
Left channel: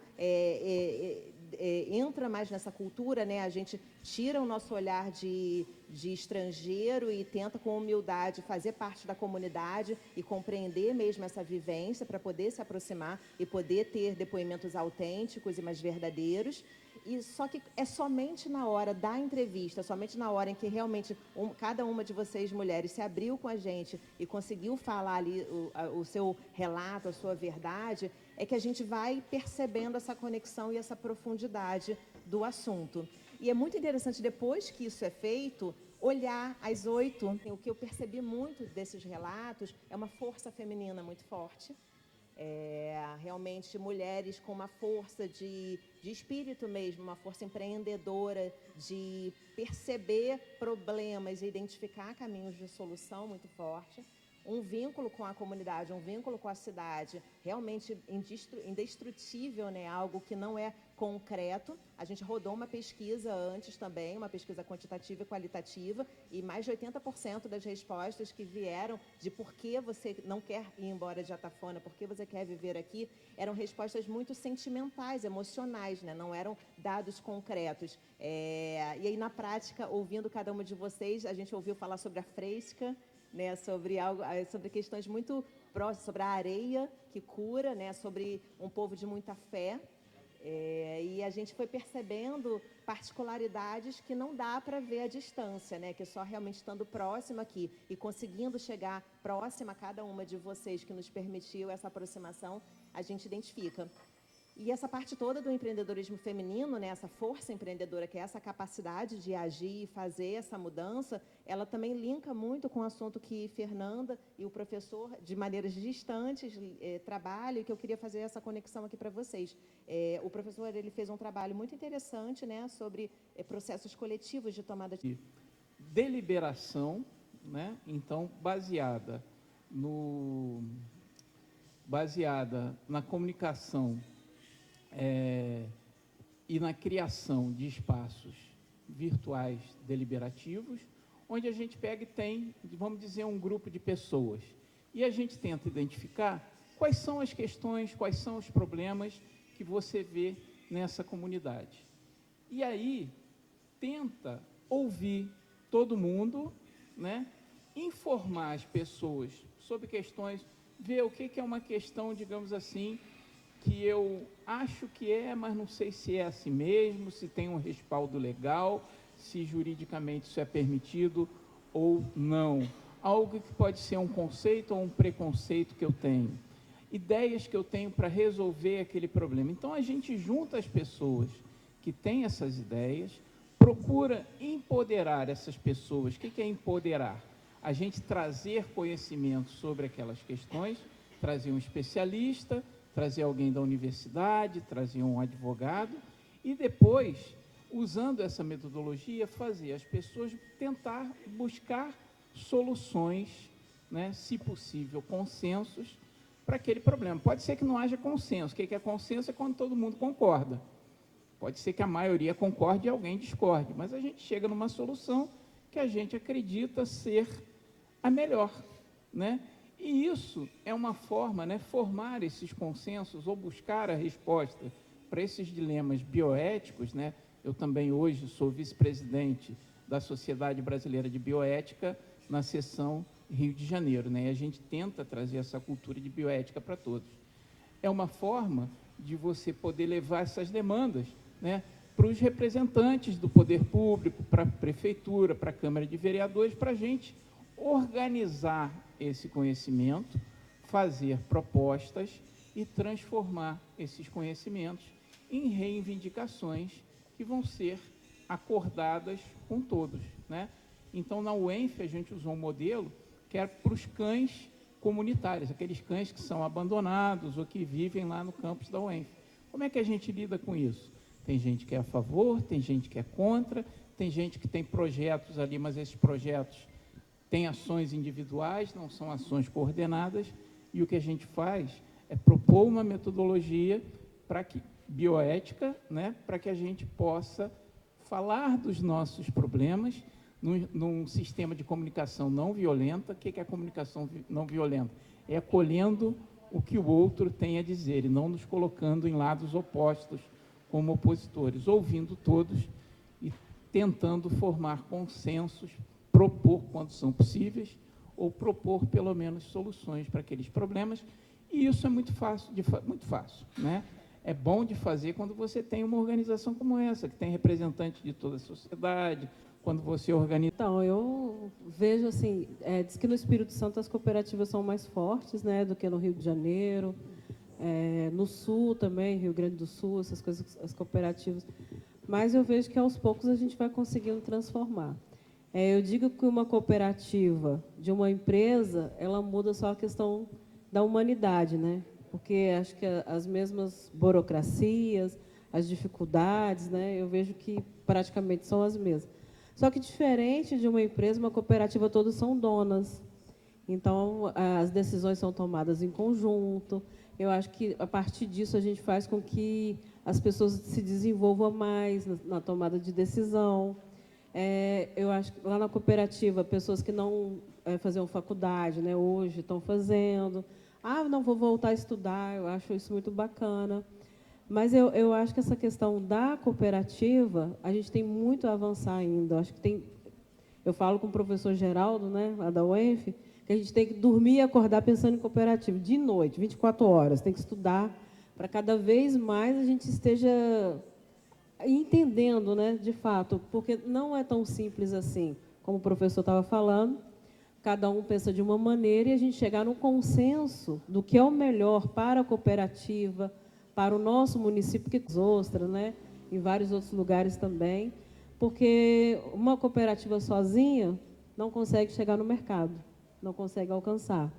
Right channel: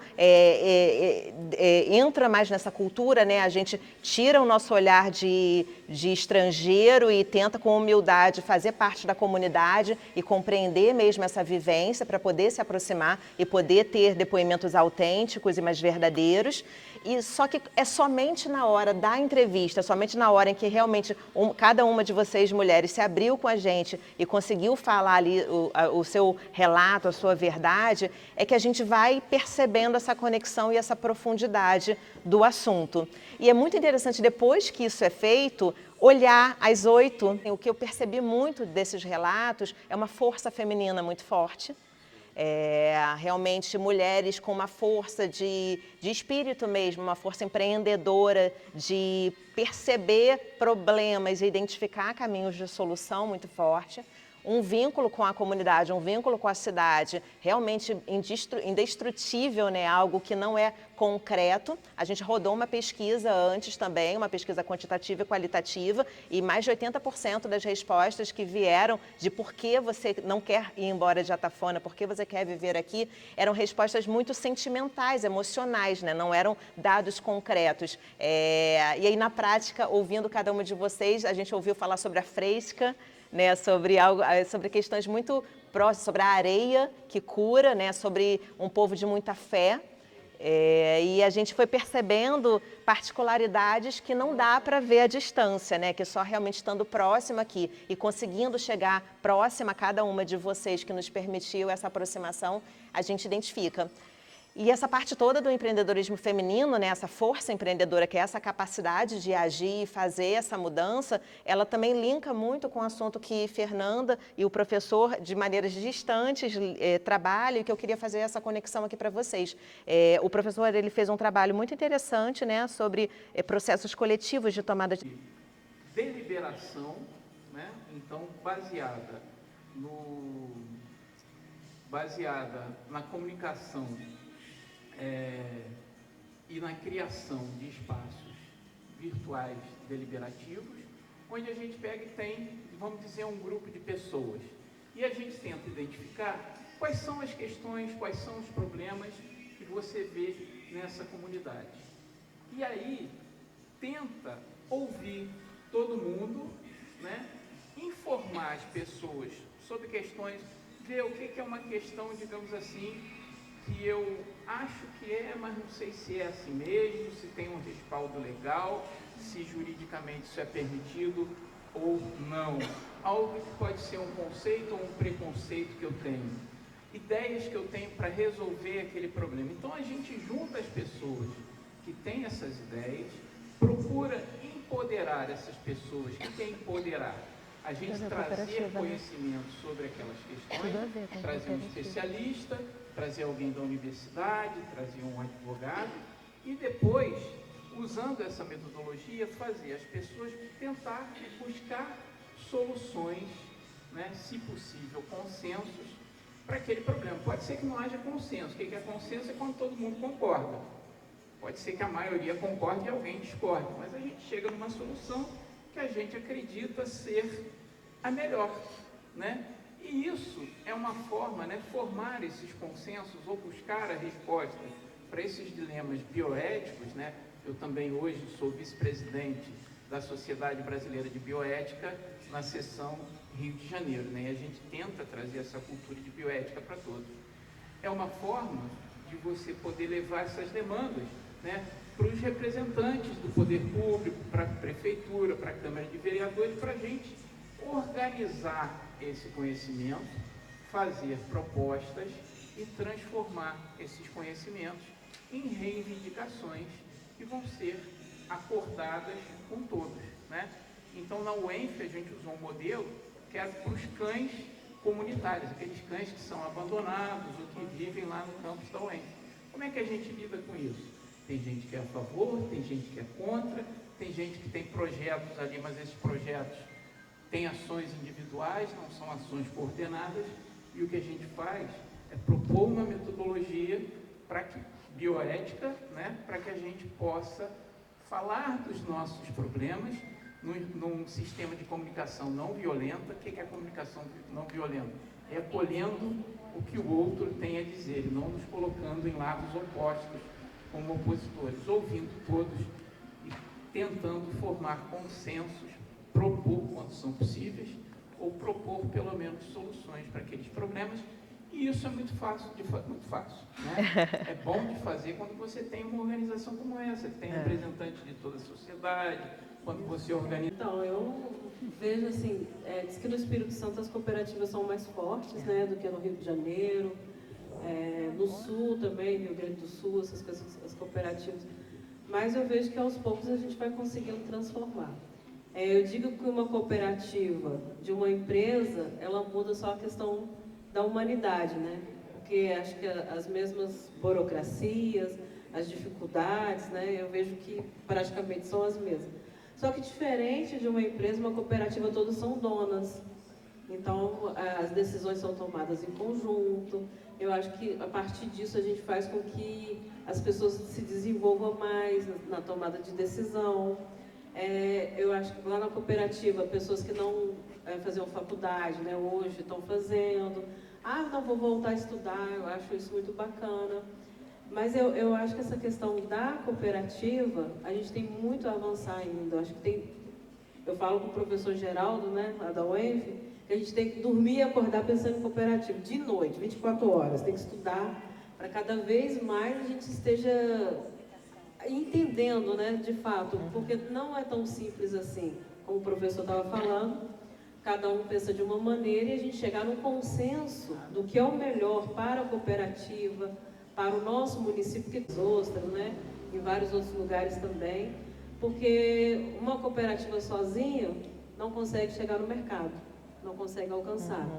entra mais nessa cultura, né? A gente tira o nosso olhar de estrangeiro e tenta com humildade fazer parte da comunidade e compreender mesmo essa vivência para poder se aproximar e poder ter depoimentos autênticos e mais verdadeiros. E só que é somente na hora da entrevista, somente na hora em que realmente cada uma de vocês, mulheres, se abriu com a gente e conseguiu falar ali o seu relato, a sua verdade, é que a gente vai percebendo essa conexão e essa profundidade do assunto. E é muito interessante, depois que isso é feito, olhar as 8. O que eu percebi muito desses relatos é uma força feminina muito forte. Realmente mulheres com uma força de espírito mesmo, uma força empreendedora, de perceber problemas e identificar caminhos de solução muito forte. Um vínculo com a comunidade, um vínculo com a cidade, realmente indestrutível, né? Algo que não é concreto. A gente rodou uma pesquisa antes também, uma pesquisa quantitativa e qualitativa, e mais de 80% das respostas que vieram de por que você não quer ir embora de Atafona, por que você quer viver aqui, eram respostas muito sentimentais, emocionais, né? Não eram dados concretos. E aí, na prática, ouvindo cada uma de vocês, a gente ouviu falar sobre a fresca, né, sobre questões muito próximas, sobre a areia que cura, né, sobre um povo de muita fé. E a gente foi percebendo particularidades que não dá para ver à distância, né, que só realmente estando próximo aqui e conseguindo chegar próxima a cada uma de vocês que nos permitiu essa aproximação, a gente identifica. E essa parte toda do empreendedorismo feminino, né, essa força empreendedora, que é essa capacidade de agir e fazer essa mudança, ela também linka muito com o assunto que Fernanda e o professor, de maneiras distantes, trabalham, e que eu queria fazer essa conexão aqui para vocês. O professor ele fez um trabalho muito interessante, né, sobre processos coletivos de tomada de deliberação, né, então baseada na comunicação e na criação de espaços virtuais deliberativos, onde a gente pega e tem, vamos dizer, um grupo de pessoas. E a gente tenta identificar quais são as questões, quais são os problemas que você vê nessa comunidade. E aí, tenta ouvir todo mundo, né, informar as pessoas sobre questões, ver o que é uma questão, digamos assim, que eu acho que é, mas não sei se é assim mesmo, se tem um respaldo legal, se juridicamente isso é permitido ou não. Algo que pode ser um conceito ou um preconceito que eu tenho. Ideias que eu tenho para resolver aquele problema. Então, a gente junta as pessoas que têm essas ideias, procura empoderar essas pessoas. O que é empoderar? A gente trazer conhecimento sobre aquelas questões, trazer um especialista, trazer alguém da universidade, trazer um advogado e depois, usando essa metodologia, fazer as pessoas tentar buscar soluções, né, se possível, consensos para aquele problema. Pode ser que não haja consenso. O que é consenso? É quando todo mundo concorda. Pode ser que a maioria concorde e alguém discorde, mas a gente chega numa solução que a gente acredita ser a melhor, né? E isso é uma forma, né, formar esses consensos ou buscar a resposta para esses dilemas bioéticos, né? Eu também hoje sou vice-presidente da Sociedade Brasileira de Bioética na seção Rio de Janeiro, né? E a gente tenta trazer essa cultura de bioética para todos. É uma forma de você poder levar essas demandas, né, para os representantes do poder público, para a prefeitura, para a Câmara de Vereadores, para a gente organizar esse conhecimento, fazer propostas e transformar esses conhecimentos em reivindicações que vão ser acordadas com todos, né? Então, na UENF, a gente usou um modelo que é para os cães comunitários, aqueles cães que são abandonados ou que vivem lá no campus da UENF. Como é que a gente lida com isso? Tem gente que é a favor, tem gente que é contra, tem gente que tem projetos ali, mas esses projetos têm ações individuais, não são ações coordenadas, e o que a gente faz é propor uma metodologia para que, bioética, né, para que a gente possa falar dos nossos problemas num sistema de comunicação não violenta. O que é a comunicação não violenta? É acolhendo o que o outro tem a dizer e não nos colocando em lados opostos como opositores, ouvindo todos e tentando formar consensos, propor quando são possíveis ou propor pelo menos soluções para aqueles problemas. E isso é muito fácil, muito fácil, né? É bom de fazer quando você tem uma organização como essa, que tem representantes de toda a sociedade, quando você organiza. Então, eu vejo assim, diz que no Espírito Santo as cooperativas são mais fortes, né, do que no Rio de Janeiro, no Sul também, Rio Grande do Sul, essas coisas, as cooperativas. Mas eu vejo que aos poucos a gente vai conseguindo transformar. Eu digo que uma cooperativa de uma empresa, ela muda só a questão da humanidade, né? Porque acho que as mesmas burocracias, as dificuldades, né, eu vejo que praticamente são as mesmas. Só que diferente de uma empresa, uma cooperativa, todos são donas. Então, as decisões são tomadas em conjunto. Eu acho que, a partir disso, a gente faz com que as pessoas se desenvolvam mais na tomada de decisão. Eu acho que lá na cooperativa, pessoas que não faziam faculdade, né, hoje estão fazendo. Não, vou voltar a estudar, eu acho isso muito bacana. Mas eu acho que essa questão da cooperativa, a gente tem muito a avançar ainda. Acho que eu falo com o professor Geraldo, né, lá da UENF, que a gente tem que dormir e acordar pensando em cooperativa, de noite, 24 horas, tem que estudar, para cada vez mais a gente esteja entendendo, né, de fato, porque não é tão simples assim, como o professor estava falando, cada um pensa de uma maneira e a gente chegar num consenso do que é o melhor para a cooperativa, para o nosso município, que é Ostra, né, em vários outros lugares também, porque uma cooperativa sozinha não consegue chegar no mercado, não consegue alcançar.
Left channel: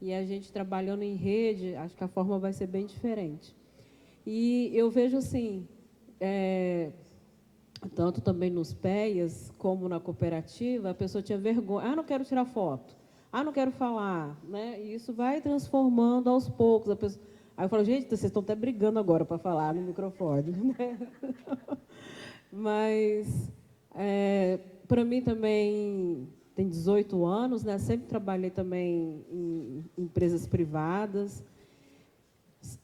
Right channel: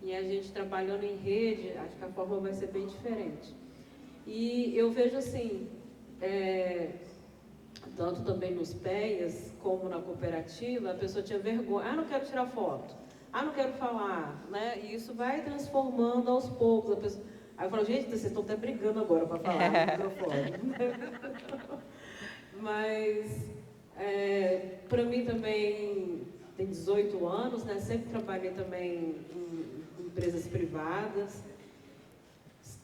E a gente trabalhando em rede, acho que a forma vai ser bem diferente. E eu vejo assim, tanto também nos PEAs como na cooperativa, a pessoa tinha vergonha, não quero tirar foto, não quero falar, né? E isso vai transformando aos poucos. A pessoa... Aí eu falo, gente, vocês estão até brigando agora para falar no microfone. Mas, para mim também, tem 18 anos, né? Sempre trabalhei também em empresas privadas.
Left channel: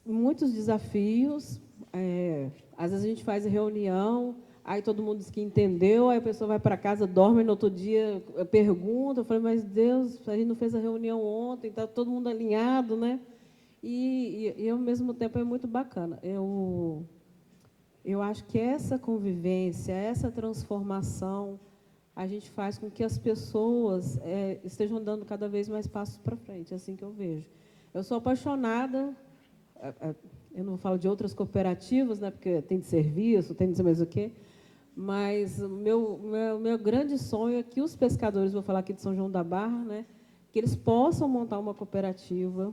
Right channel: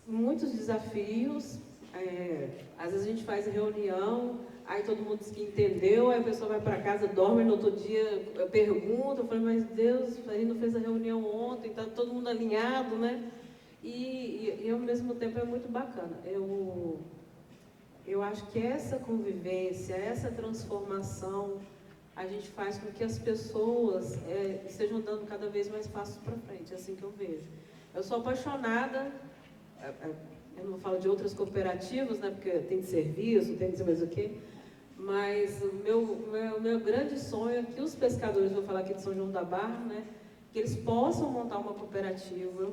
Muitos desafios. Às vezes a gente faz reunião, aí todo mundo diz que entendeu, aí a pessoa vai para casa, dorme, e no outro dia pergunta, eu falei, mas Deus, a gente não fez a reunião ontem, está todo mundo alinhado, né? E ao mesmo tempo é muito bacana. Eu acho que essa convivência, essa transformação, a gente faz com que as pessoas estejam dando cada vez mais passos para frente, é assim que eu vejo. Eu sou apaixonada, eu não falo de outras cooperativas, né, porque tem de serviço, tem de não sei mais o quê, mas o meu grande sonho é que os pescadores, vou falar aqui de São João da Barra, né, que eles possam montar uma cooperativa.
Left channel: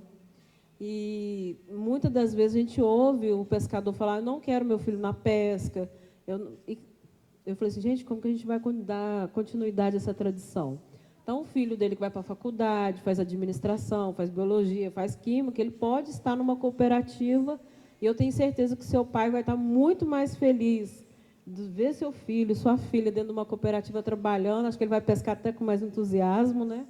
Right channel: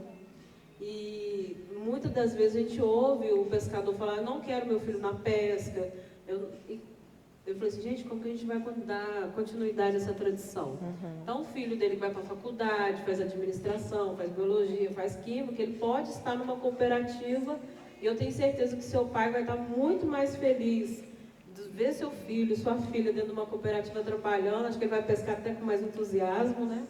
E muitas das vezes a gente ouve o pescador falar, não quero meu filho na pesca. Eu falei assim, gente, como que a gente vai dar continuidade a essa tradição? Então, o filho dele que vai para a faculdade, faz administração, faz biologia, faz química, ele pode estar numa cooperativa e eu tenho certeza que seu pai vai estar muito mais feliz de ver seu filho, sua filha dentro de uma cooperativa trabalhando, acho que ele vai pescar até com mais entusiasmo, né?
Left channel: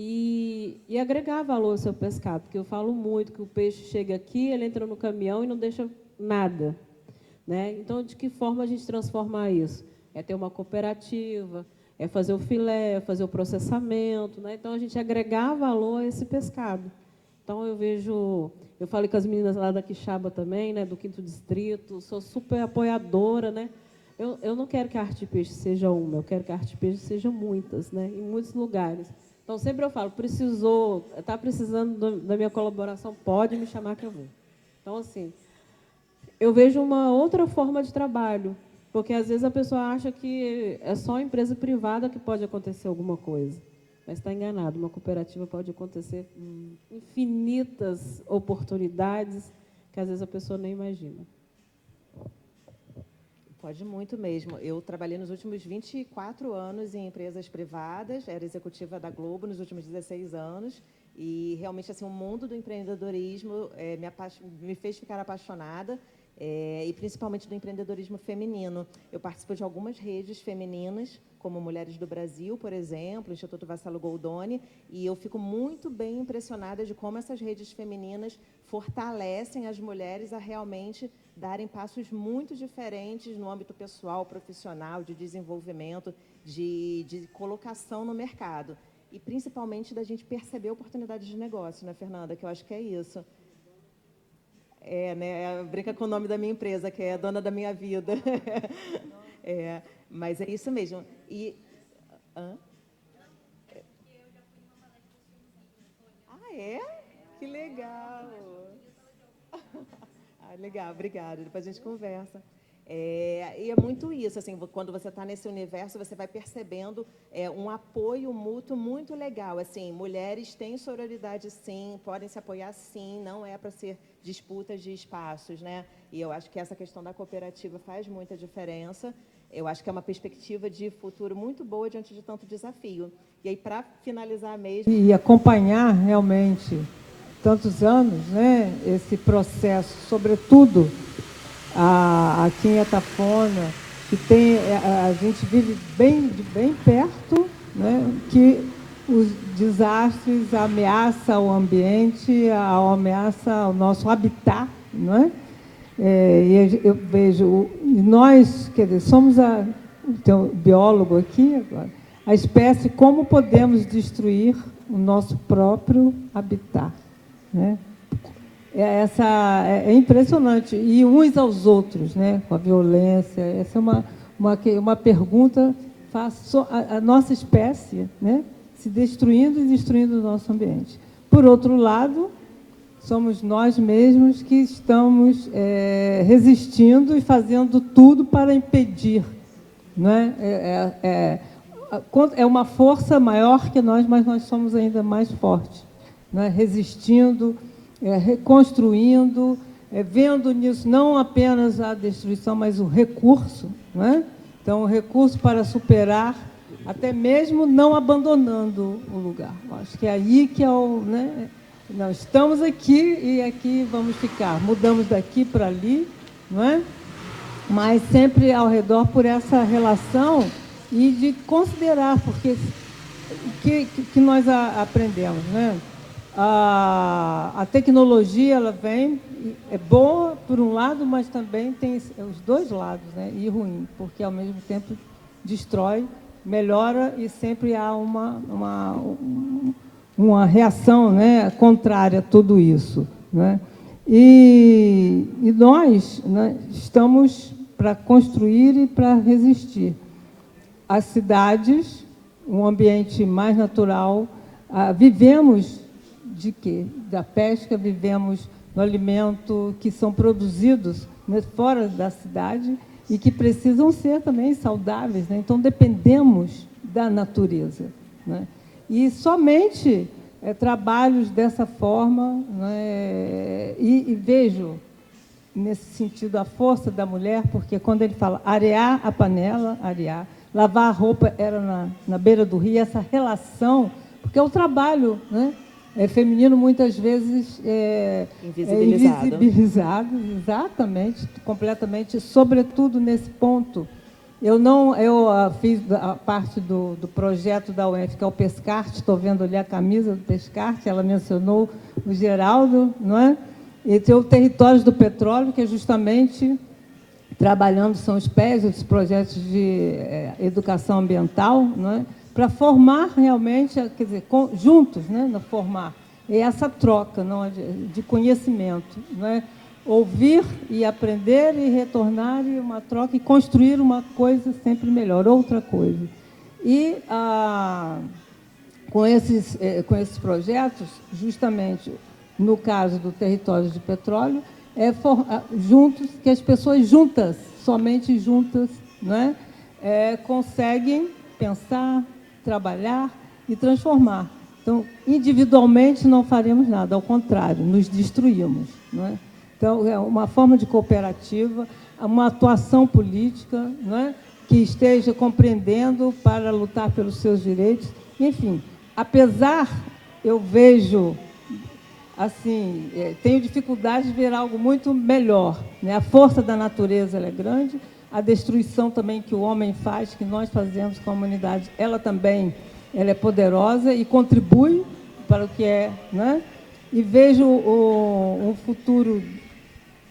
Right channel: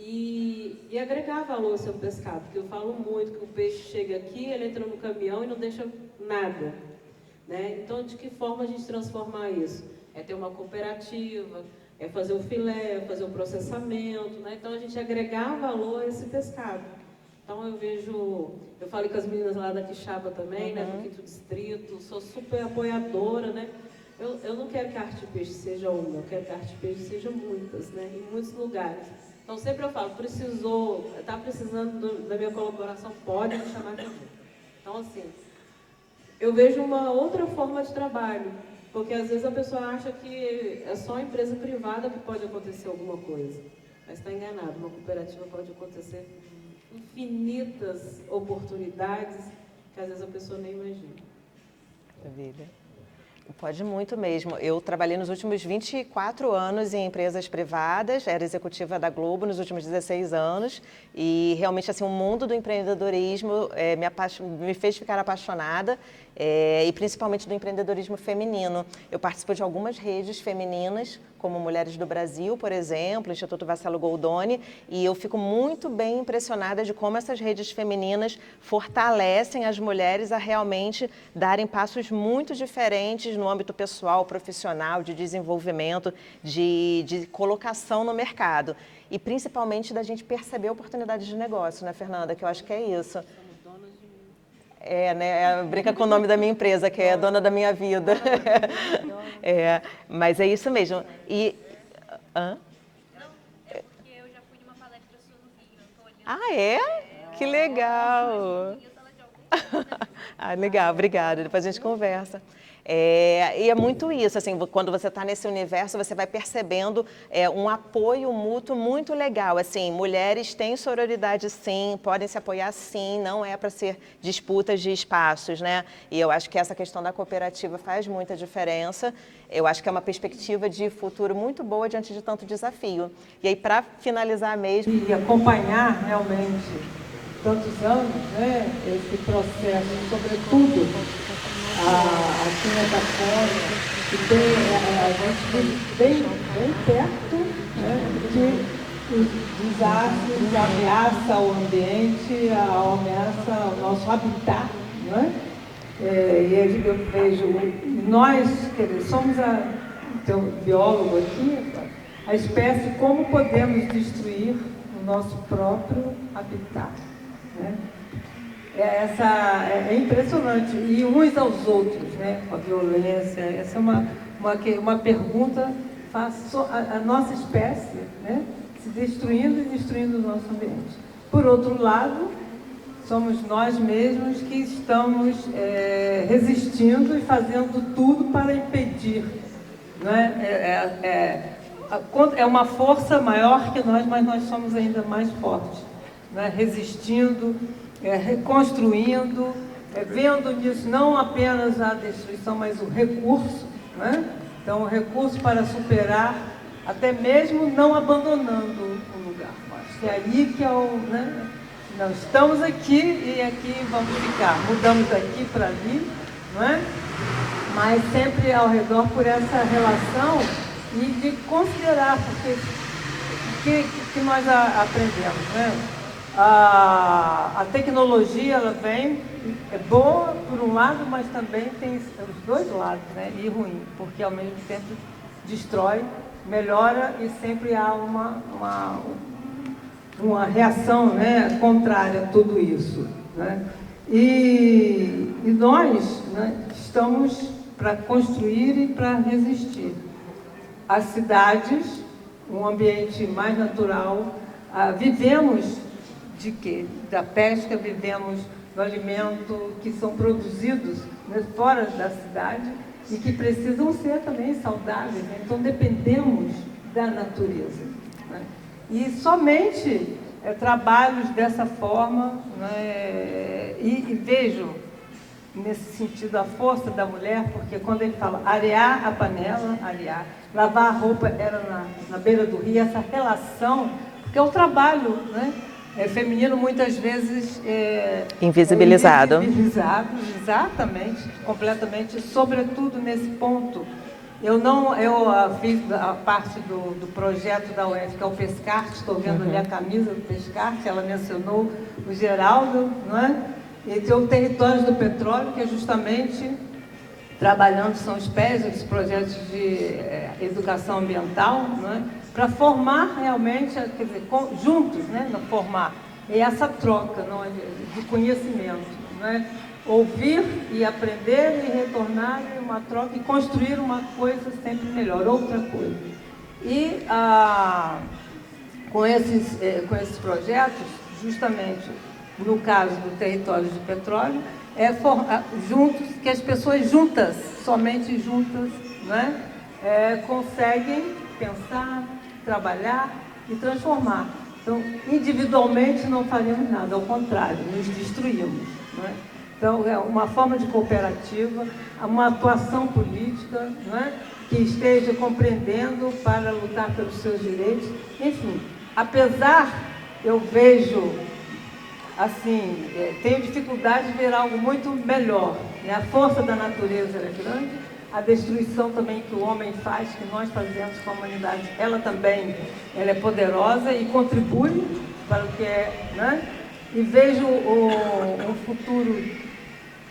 E agregar valor ao seu pescado, porque eu falo muito que o peixe chega aqui, ele entra no caminhão e não deixa nada, né? Então, de que forma a gente transformar isso? É ter uma cooperativa, é fazer o filé, é fazer o processamento, né? Então, a gente agregar valor a esse pescado. Então, eu falei com as meninas lá da Quixaba também, né, do 5º Distrito, sou super apoiadora, né? Eu não quero que a arte peixe seja uma, eu quero que a arte peixe seja muitas, né? Em muitos lugares. Então, sempre eu falo, está precisando da minha colaboração, pode me chamar que eu vou. Então, assim, eu vejo uma outra forma de trabalho, porque às vezes a pessoa acha que é só a empresa privada que pode acontecer alguma coisa, mas está enganado, uma cooperativa pode acontecer infinitas oportunidades que às vezes a pessoa nem imagina. Maravilha. Pode muito mesmo. Eu trabalhei nos últimos 24 anos em empresas privadas, era executiva da Globo nos últimos 16 anos e realmente assim, o mundo do empreendedorismo me fez ficar apaixonada e principalmente do empreendedorismo feminino. Eu participo de algumas redes femininas, como Mulheres do Brasil, por exemplo, Instituto Vassalo Goldoni, e eu fico muito bem impressionada de como essas redes femininas fortalecem as mulheres a realmente darem passos muito diferentes no âmbito pessoal, profissional, de desenvolvimento, de colocação no mercado. E principalmente da gente perceber oportunidades de negócio, né, Fernanda? Que eu acho que é isso. Né? Brinca com o nome da minha empresa, que é Dona da Minha Vida. Mas é isso mesmo. E... Hã? Não, porque eu já fui numa palestra sua no Rio. Eu tô olhando. Ah, é? Que legal. Ah, legal, obrigada. Depois a gente conversa. E é muito isso, assim, quando você está nesse universo, você vai percebendo um apoio mútuo muito legal. Assim, mulheres têm sororidade sim, podem se apoiar sim, não é para ser disputas de espaços, né? E eu acho que essa questão da cooperativa faz muita diferença. Eu acho que é uma perspectiva de futuro muito boa diante de tanto desafio. E aí, para finalizar mesmo... E acompanhar realmente tantos anos, né, esse processo, sobretudo aqui em Atafona, que tem, a gente vive bem perto, né, que os desastres ameaçam o ambiente, ameaça o nosso habitat, não é? E eu vejo, nós, quer dizer, somos tem um biólogo aqui, a espécie, como podemos destruir o nosso próprio habitat, né? É impressionante. E uns aos outros, né? Com a violência. Essa é uma pergunta, faço a nossa espécie, né? Se destruindo e destruindo o nosso ambiente. Por outro lado, somos nós mesmos que estamos resistindo e fazendo tudo para impedir. Não é? É uma força maior que nós, mas nós somos ainda mais fortes, né? Resistindo, reconstruindo, vendo nisso não apenas a destruição, mas o recurso, né? Então, o recurso para superar, até mesmo não abandonando o lugar. Acho que é aí que é né? Nós estamos aqui e aqui vamos ficar. Mudamos daqui para ali, não é? Mas sempre ao redor por essa relação e de considerar, porque o que nós aprendemos, né? a tecnologia, ela vem, é boa por um lado, mas também tem os dois lados, né? E ruim, porque ao mesmo tempo destrói, melhora e sempre há uma reação, né, contrária a tudo isso, né? E nós, né, estamos para construir e para resistir. As cidades, um ambiente mais natural, vivemos de quê? Da pesca, vivemos no alimento que são produzidos, né, fora da cidade e que precisam ser também saudáveis, né? Então dependemos da natureza, né? E somente trabalhos dessa forma, né, e vejo nesse sentido a força da mulher, porque quando ele fala arear a panela, arear, lavar a roupa era na beira do rio, essa relação, porque é o trabalho, né, feminino muitas vezes invisibilizado. Invisibilizado, exatamente, completamente, sobretudo nesse ponto. Eu fiz a parte do projeto da UF, que é o Pescarte, estou vendo ali a camisa do Pescarte, ela mencionou o Geraldo, não é? E tem o Territórios do Petróleo, que é justamente trabalhando, são os PES, os projetos de educação ambiental, não é? Para formar realmente, quer dizer, juntos, né, formar. E essa troca de conhecimento, né? Ouvir e aprender e retornar em uma troca e construir uma coisa sempre melhor, outra coisa. E com esses projetos, justamente no caso do Território de Petróleo, juntos, que as pessoas juntas, somente juntas, né, conseguem pensar, trabalhar e transformar. Então, individualmente não faremos nada, ao contrário, nos destruímos, né? Então, é uma forma de cooperativa, uma atuação política, né, que esteja compreendendo para lutar pelos seus direitos. Enfim, apesar, eu vejo, assim, tenho dificuldade de ver algo muito melhor, né? A força da natureza ela é grande, a destruição também que o homem faz, que nós fazemos com a humanidade, ela é poderosa e contribui para o que é, né? E vejo um futuro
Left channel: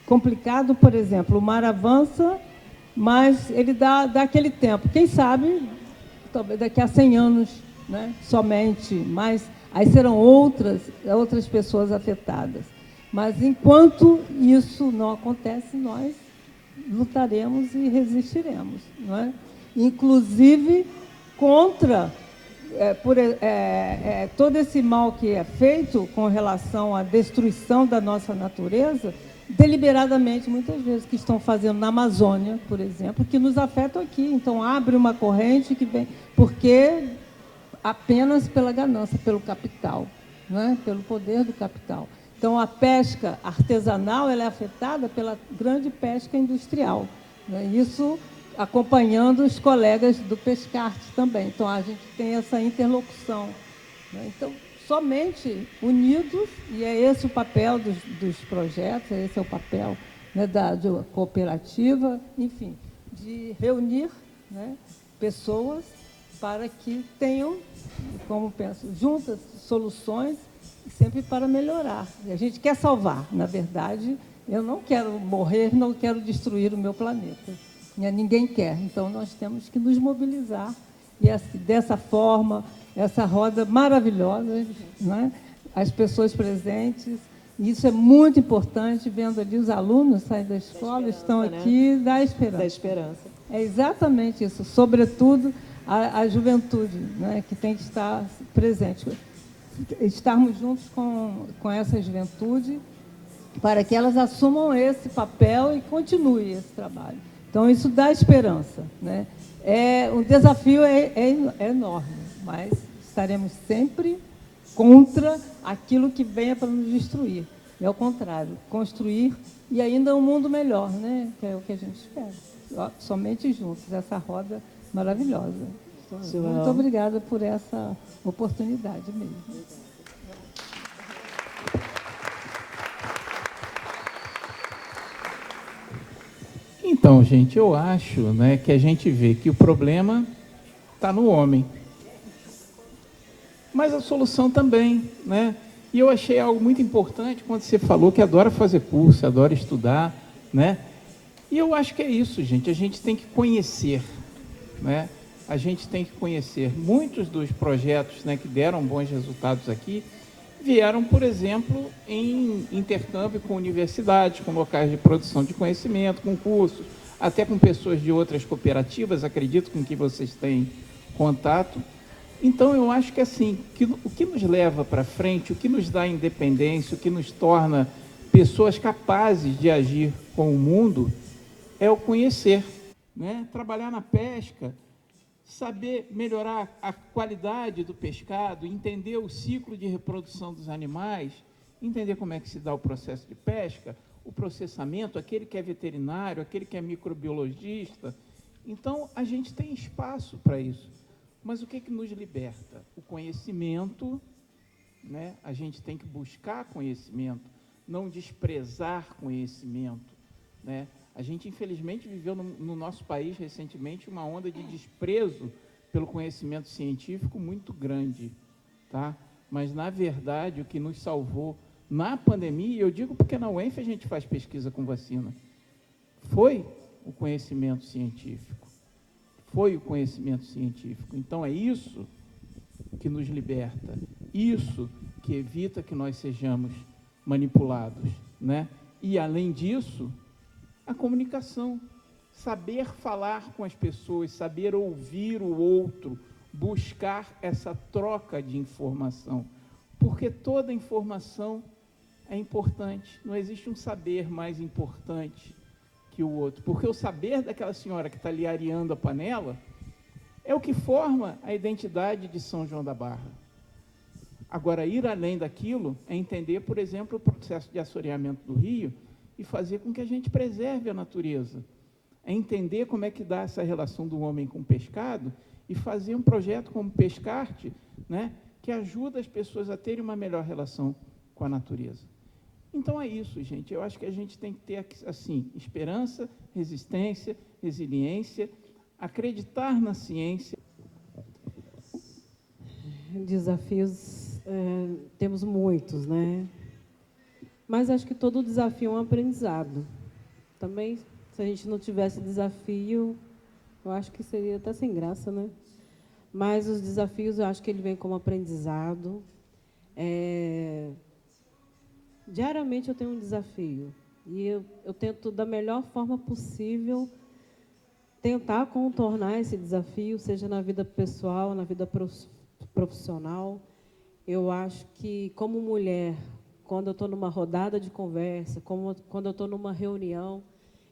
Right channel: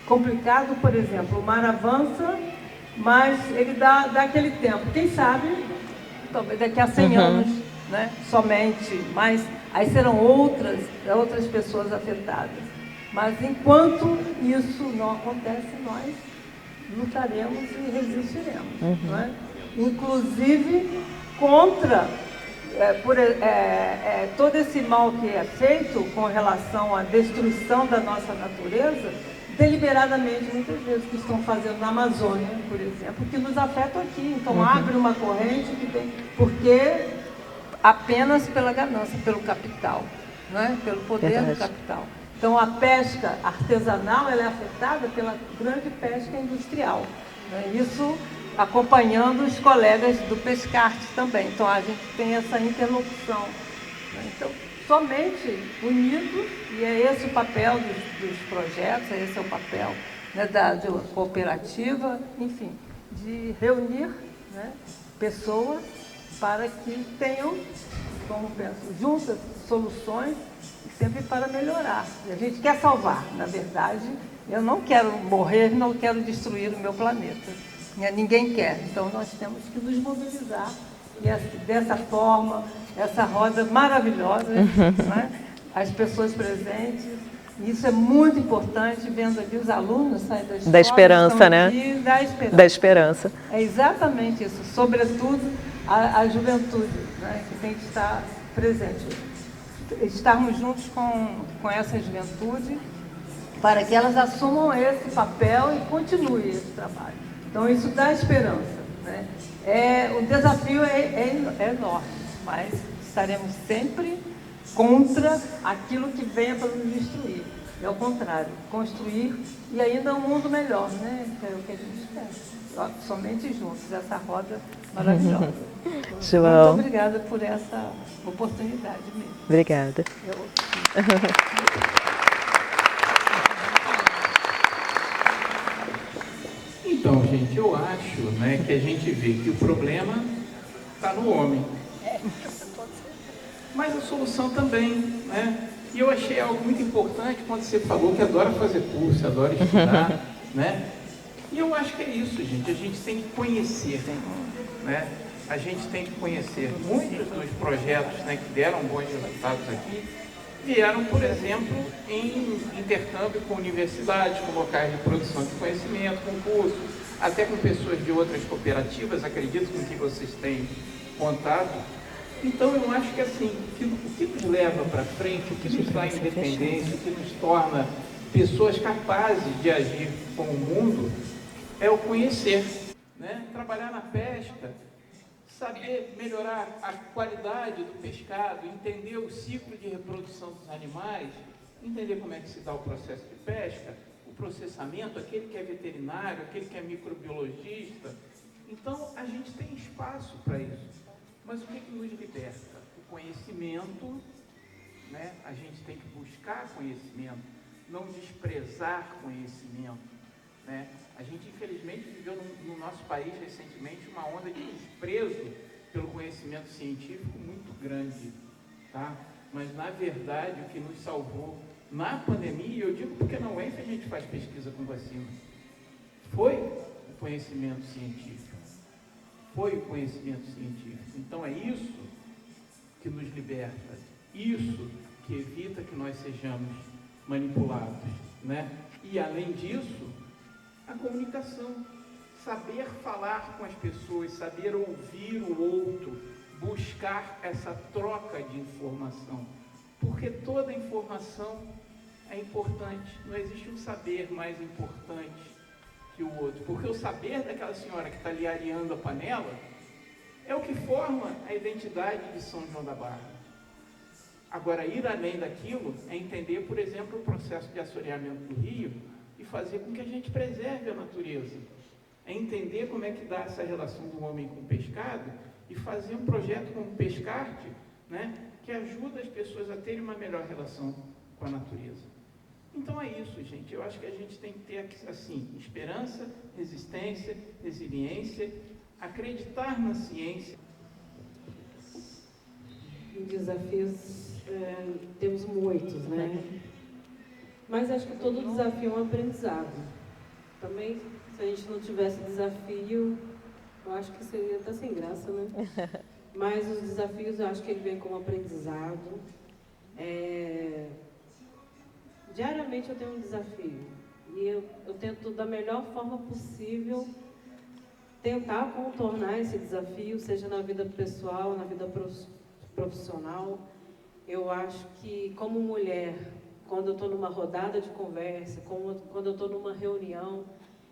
complicado, por exemplo, o mar avança, mas ele dá aquele tempo. Quem sabe, talvez daqui a 100 anos, né, somente, mas aí serão outras pessoas afetadas. Mas enquanto isso não acontece, nós lutaremos e resistiremos, não é? Inclusive contra todo esse mal que é feito com relação à destruição da nossa natureza, deliberadamente, muitas vezes, que estão fazendo na Amazônia, por exemplo, que nos afetam aqui. Então, abre uma corrente que vem, porque apenas pela ganância, pelo capital, não é? Pelo poder do capital. Então, a pesca artesanal ela é afetada pela grande pesca industrial, né? Isso acompanhando os colegas do Pescarte também. Então, a gente tem essa interlocução, né? Então, somente unidos, e é esse o papel dos projetos, esse é o papel, né, da cooperativa, enfim, de reunir, né, pessoas para que tenham, como penso, juntas soluções, sempre para melhorar. A gente quer salvar, na verdade, eu não quero morrer, não quero destruir o meu planeta. Ninguém quer, então nós temos que nos mobilizar e assim, dessa forma, essa roda maravilhosa, né? As pessoas presentes, e isso é muito importante, vendo ali os alunos saindo da escola, da esperança, né? Aqui, da esperança. Da esperança. É exatamente isso, sobretudo a juventude, né? Que tem que estar presente. Estarmos juntos com essa juventude para que elas assumam esse papel e continuem esse trabalho. Então, isso dá esperança, né? O desafio é enorme, mas estaremos sempre contra aquilo que venha para nos destruir. É o contrário, construir e ainda um mundo melhor, né? Que é o que a gente espera. Somente juntos, essa roda maravilhosa. João. Muito obrigada por essa oportunidade mesmo. Obrigada. Então, gente, eu acho, né, que a gente vê que o problema está no homem. Mas a solução também, né? E eu achei algo muito importante quando você falou que adora fazer curso, adora estudar, né? E eu acho que é isso, gente. A gente tem que conhecer, né? A gente tem que conhecer. Muitos dos projetos, né, que deram bons resultados aqui vieram, por exemplo, em intercâmbio com universidades, com locais de produção de conhecimento, com cursos, até com pessoas de outras cooperativas, acredito com que vocês têm contato. Então, eu acho que assim, o que nos leva para frente, o que nos dá independência, o que nos torna pessoas capazes de agir com o mundo, é o conhecer, né? Trabalhar na pesca, saber melhorar a qualidade do pescado, entender o ciclo de reprodução dos animais, entender como é que se dá o processo de pesca, o processamento, aquele que é veterinário, aquele que é microbiologista. Então, a gente tem espaço para isso. Mas o que nos liberta? O conhecimento, né? A gente tem que buscar conhecimento, não desprezar conhecimento, né? A gente, infelizmente, viveu no nosso país recentemente uma onda de desprezo pelo conhecimento científico muito grande, tá? Mas, na verdade, o que nos salvou na pandemia, eu digo porque na UENF a gente faz pesquisa com vacina, foi o conhecimento científico. Foi o conhecimento científico. Então, é isso que nos liberta, isso que evita que nós sejamos manipulados, né? E, além disso, a comunicação, saber falar com as pessoas, saber ouvir o outro, buscar essa troca de informação, porque toda informação é importante, não existe um saber mais importante que o outro, porque o saber daquela senhora que está ali areando a panela é o que forma a identidade de São João da Barra. Agora, ir além daquilo é entender, por exemplo, o processo de assoreamento do rio e fazer com que a gente preserve a natureza. É entender como é que dá essa relação do homem com o pescado e fazer um projeto como o Pescarte, né, que ajuda as pessoas a terem uma melhor relação com a natureza. Então é isso, gente. Eu acho que a gente tem que ter, assim, esperança, resistência, resiliência, acreditar na ciência. Desafios, temos muitos, né? Mas acho que todo desafio é um aprendizado. Também, se a gente não tivesse desafio, eu acho que seria até sem graça, né? Mas os desafios, eu acho que ele vem como aprendizado. Diariamente eu tenho um desafio. E eu tento, da melhor forma possível, tentar contornar esse desafio, seja na vida pessoal, na vida profissional. Eu acho que, como mulher, quando eu estou numa rodada de conversa, quando eu estou numa reunião,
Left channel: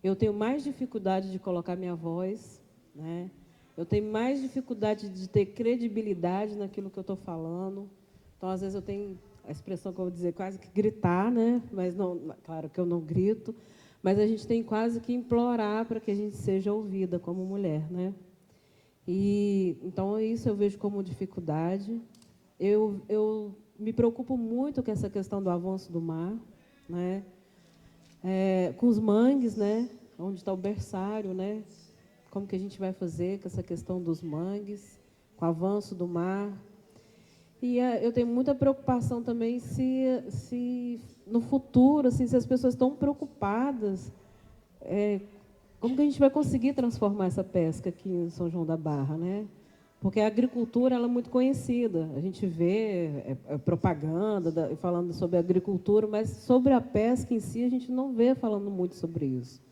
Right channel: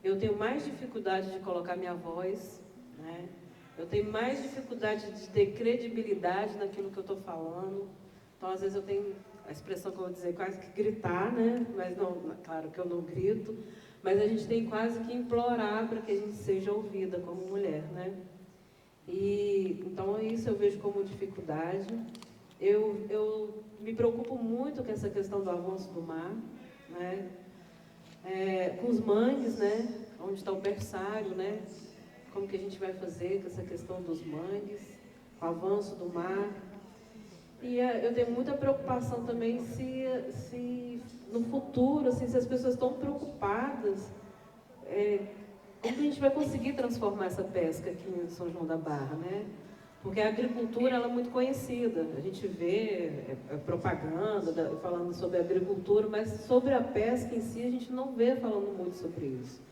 eu tenho mais dificuldade de colocar minha voz, né? Eu tenho mais dificuldade de ter credibilidade naquilo que eu estou falando. Então, às vezes, eu tenho a expressão que eu vou dizer, quase que gritar, né? Mas, não, claro que eu não grito, mas a gente tem quase que implorar para que a gente seja ouvida como mulher, né? E, então, isso eu vejo como dificuldade. Eu me preocupo muito com essa questão do avanço do mar, né? Com os mangues, né? Onde está o berçário, né? Como que a gente vai fazer com essa questão dos mangues, com o avanço do mar. E eu tenho muita preocupação também se no futuro, assim, se as pessoas estão preocupadas, como que a gente vai conseguir transformar essa pesca aqui em São João da Barra, né? Porque a agricultura ela é muito conhecida, a gente vê propaganda falando sobre a agricultura, mas sobre a pesca em si a gente não vê falando muito sobre isso.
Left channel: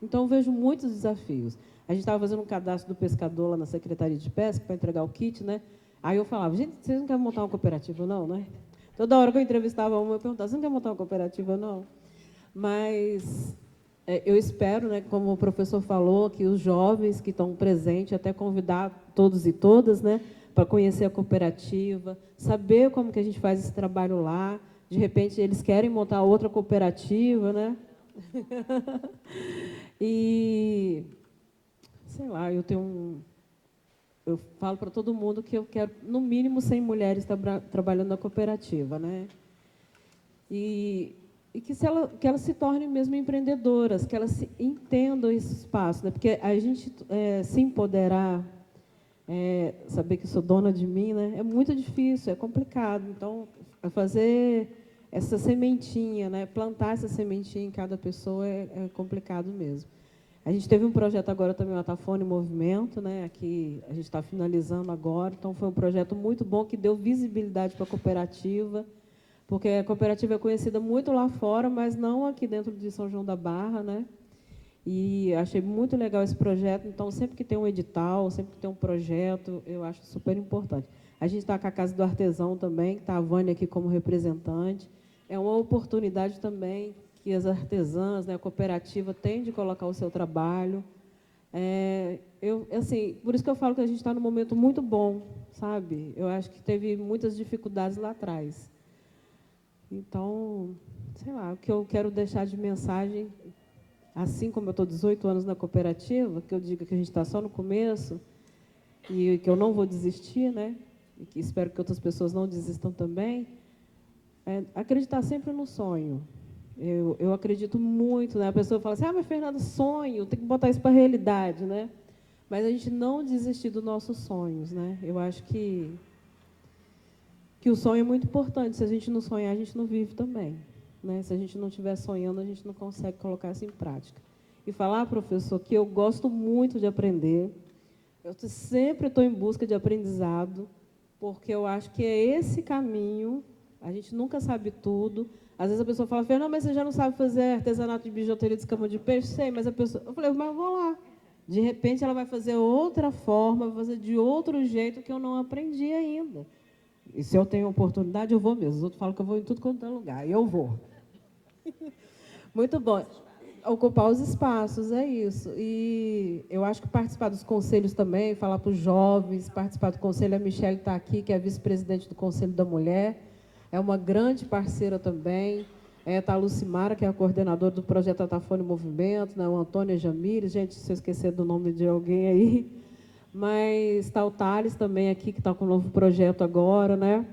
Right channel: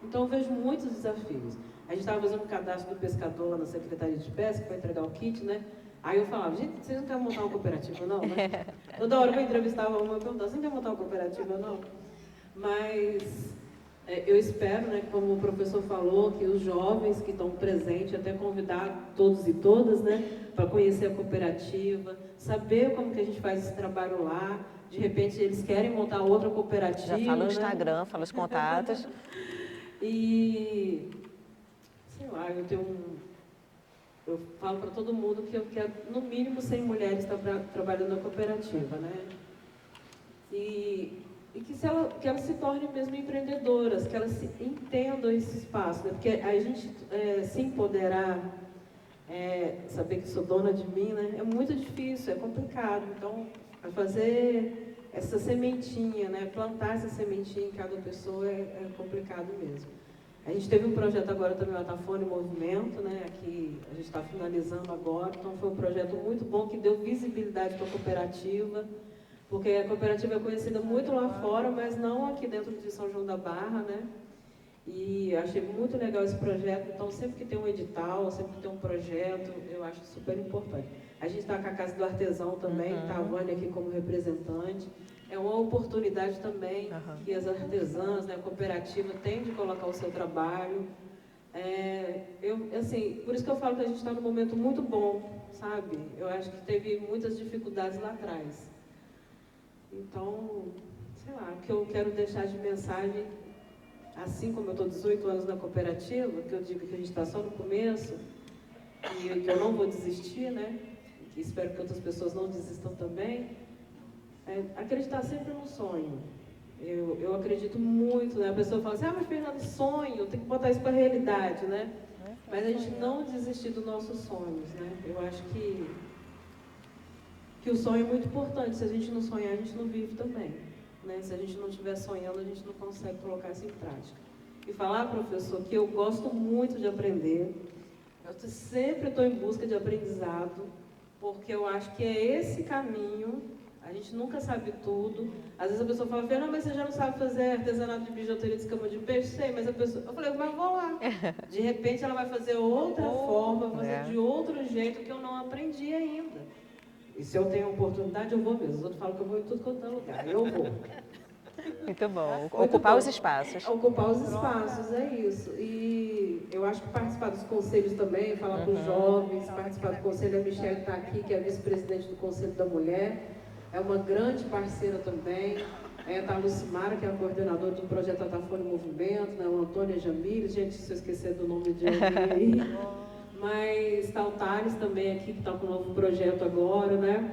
Então eu vejo muitos desafios. A gente estava fazendo um cadastro do pescador lá na Secretaria de Pesca para entregar o kit, né? Aí eu falava, gente, vocês não querem montar uma cooperativa não, né? Toda hora que eu entrevistava uma, eu perguntava, você não quer montar uma cooperativa não? Mas eu espero, né, como o professor falou, que os jovens que estão presentes, até convidar todos e todas, né, para conhecer a cooperativa, saber como que a gente faz esse trabalho lá. De repente, eles querem montar outra cooperativa. Já fala no né? Instagram, fala os contatos. E, sei lá, eu falo para todo mundo que eu quero, no mínimo, 100 mulheres trabalhando na cooperativa, né? E que elas se tornem mesmo empreendedoras, que elas entendam esse espaço, né? Porque a gente se empoderar saber que sou dona de mim, né? É muito difícil, é complicado. Então, fazer essa sementinha, né? Plantar essa sementinha em cada pessoa é complicado mesmo. A gente teve um projeto agora também, o Atafone Movimento, né? Aqui a gente está finalizando agora. Então, foi um projeto muito bom que deu visibilidade para a cooperativa, porque a cooperativa é conhecida muito lá fora, mas não aqui dentro de São João da Barra, né? E achei muito legal esse projeto. Então, sempre que tem um edital, sempre que tem um projeto, eu acho super importante. A gente está com a Casa do Artesão também, que está a Vânia aqui como representante. É uma oportunidade também que as artesãs, né, a cooperativa, têm de colocar o seu trabalho. Assim, por isso que eu falo que a gente está num momento muito bom, sabe? Eu acho que teve muitas dificuldades lá atrás. Então, sei lá, o que eu quero deixar de mensagem, assim como eu estou 18 anos na cooperativa, que eu digo que a gente está só no começo e que eu não vou desistir, né? E que espero que outras pessoas não desistam também. Acreditar sempre no sonho. Eu acredito muito, né? A pessoa fala assim, mas Fernanda, sonho, tem que botar isso para a realidade, né? Mas a gente não desistir dos nossos sonhos, né? Eu acho que o sonho é muito importante. Se a gente não sonhar, a gente não vive também, né? Se a gente não estiver sonhando, a gente não consegue colocar isso em prática. E falar, professor, que eu gosto muito de aprender. Eu sempre estou em busca de aprendizado, porque eu acho que é esse caminho. A gente nunca sabe tudo. Às vezes a pessoa fala, Fernanda, mas você já não sabe fazer artesanato de bijuteria de escama de peixe? Sei, mas a pessoa... Eu falei, mas vou lá. De repente ela vai fazer outra forma, fazer de outro jeito que eu não aprendi ainda. E se eu tenho oportunidade, eu vou mesmo. Os outros falam que eu vou em tudo quanto é lugar. Eu vou. Muito bom. Muito Ocupar bom. os espaços. Ocupar os espaços, é isso. E eu acho que participar dos conselhos também, falar para os jovens, participar do conselho. A Michelle está aqui, que é a vice-presidente do Conselho da Mulher. É uma grande parceira também. Está a Lucimara, que é a coordenadora do projeto Atafone Movimento, né? O Antônio Jamires, gente, se eu esquecer do nome de alguém aí. Mas está o Thales também aqui, que está com um novo projeto agora, né?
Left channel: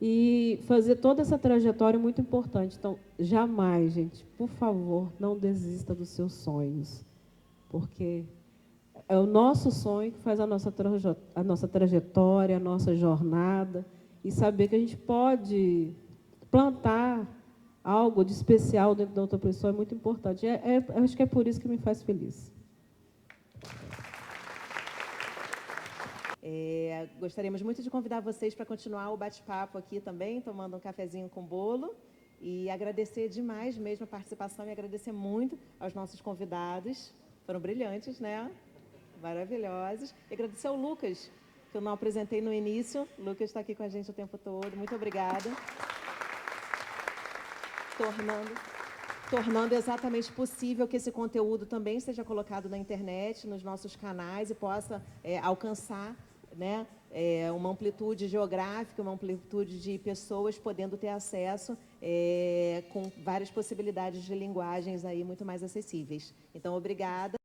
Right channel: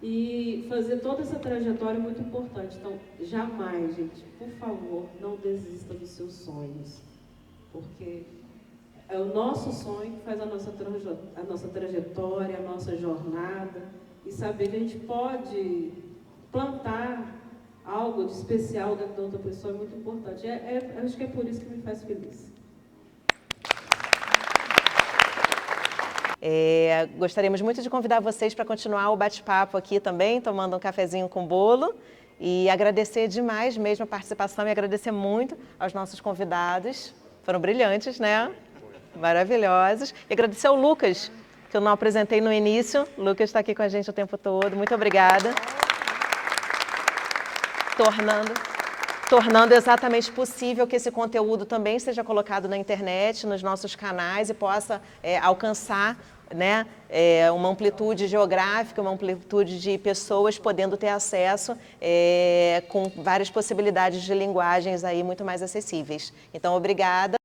E fazer toda essa trajetória é muito importante. Então, jamais, gente, por favor, não desista dos seus sonhos. Porque é o nosso sonho que faz a nossa trajetória, a nossa jornada. E saber que a gente pode plantar algo de especial dentro da outra pessoa é muito importante. Acho que é por isso que me faz feliz. Gostaríamos muito de convidar vocês para continuar o bate-papo aqui também, tomando um cafezinho com bolo. E agradecer demais mesmo a participação e agradecer muito aos nossos convidados. Foram brilhantes, né? Maravilhosos. E agradecer ao Lucas, que eu não apresentei no início. O Lucas está aqui com a gente o tempo todo. Muito obrigada. Tornando exatamente possível que esse conteúdo também seja colocado na internet, nos nossos canais e possa alcançar, né, uma amplitude geográfica, uma amplitude de pessoas podendo ter acesso com várias possibilidades de linguagens aí muito mais acessíveis. Então, obrigada.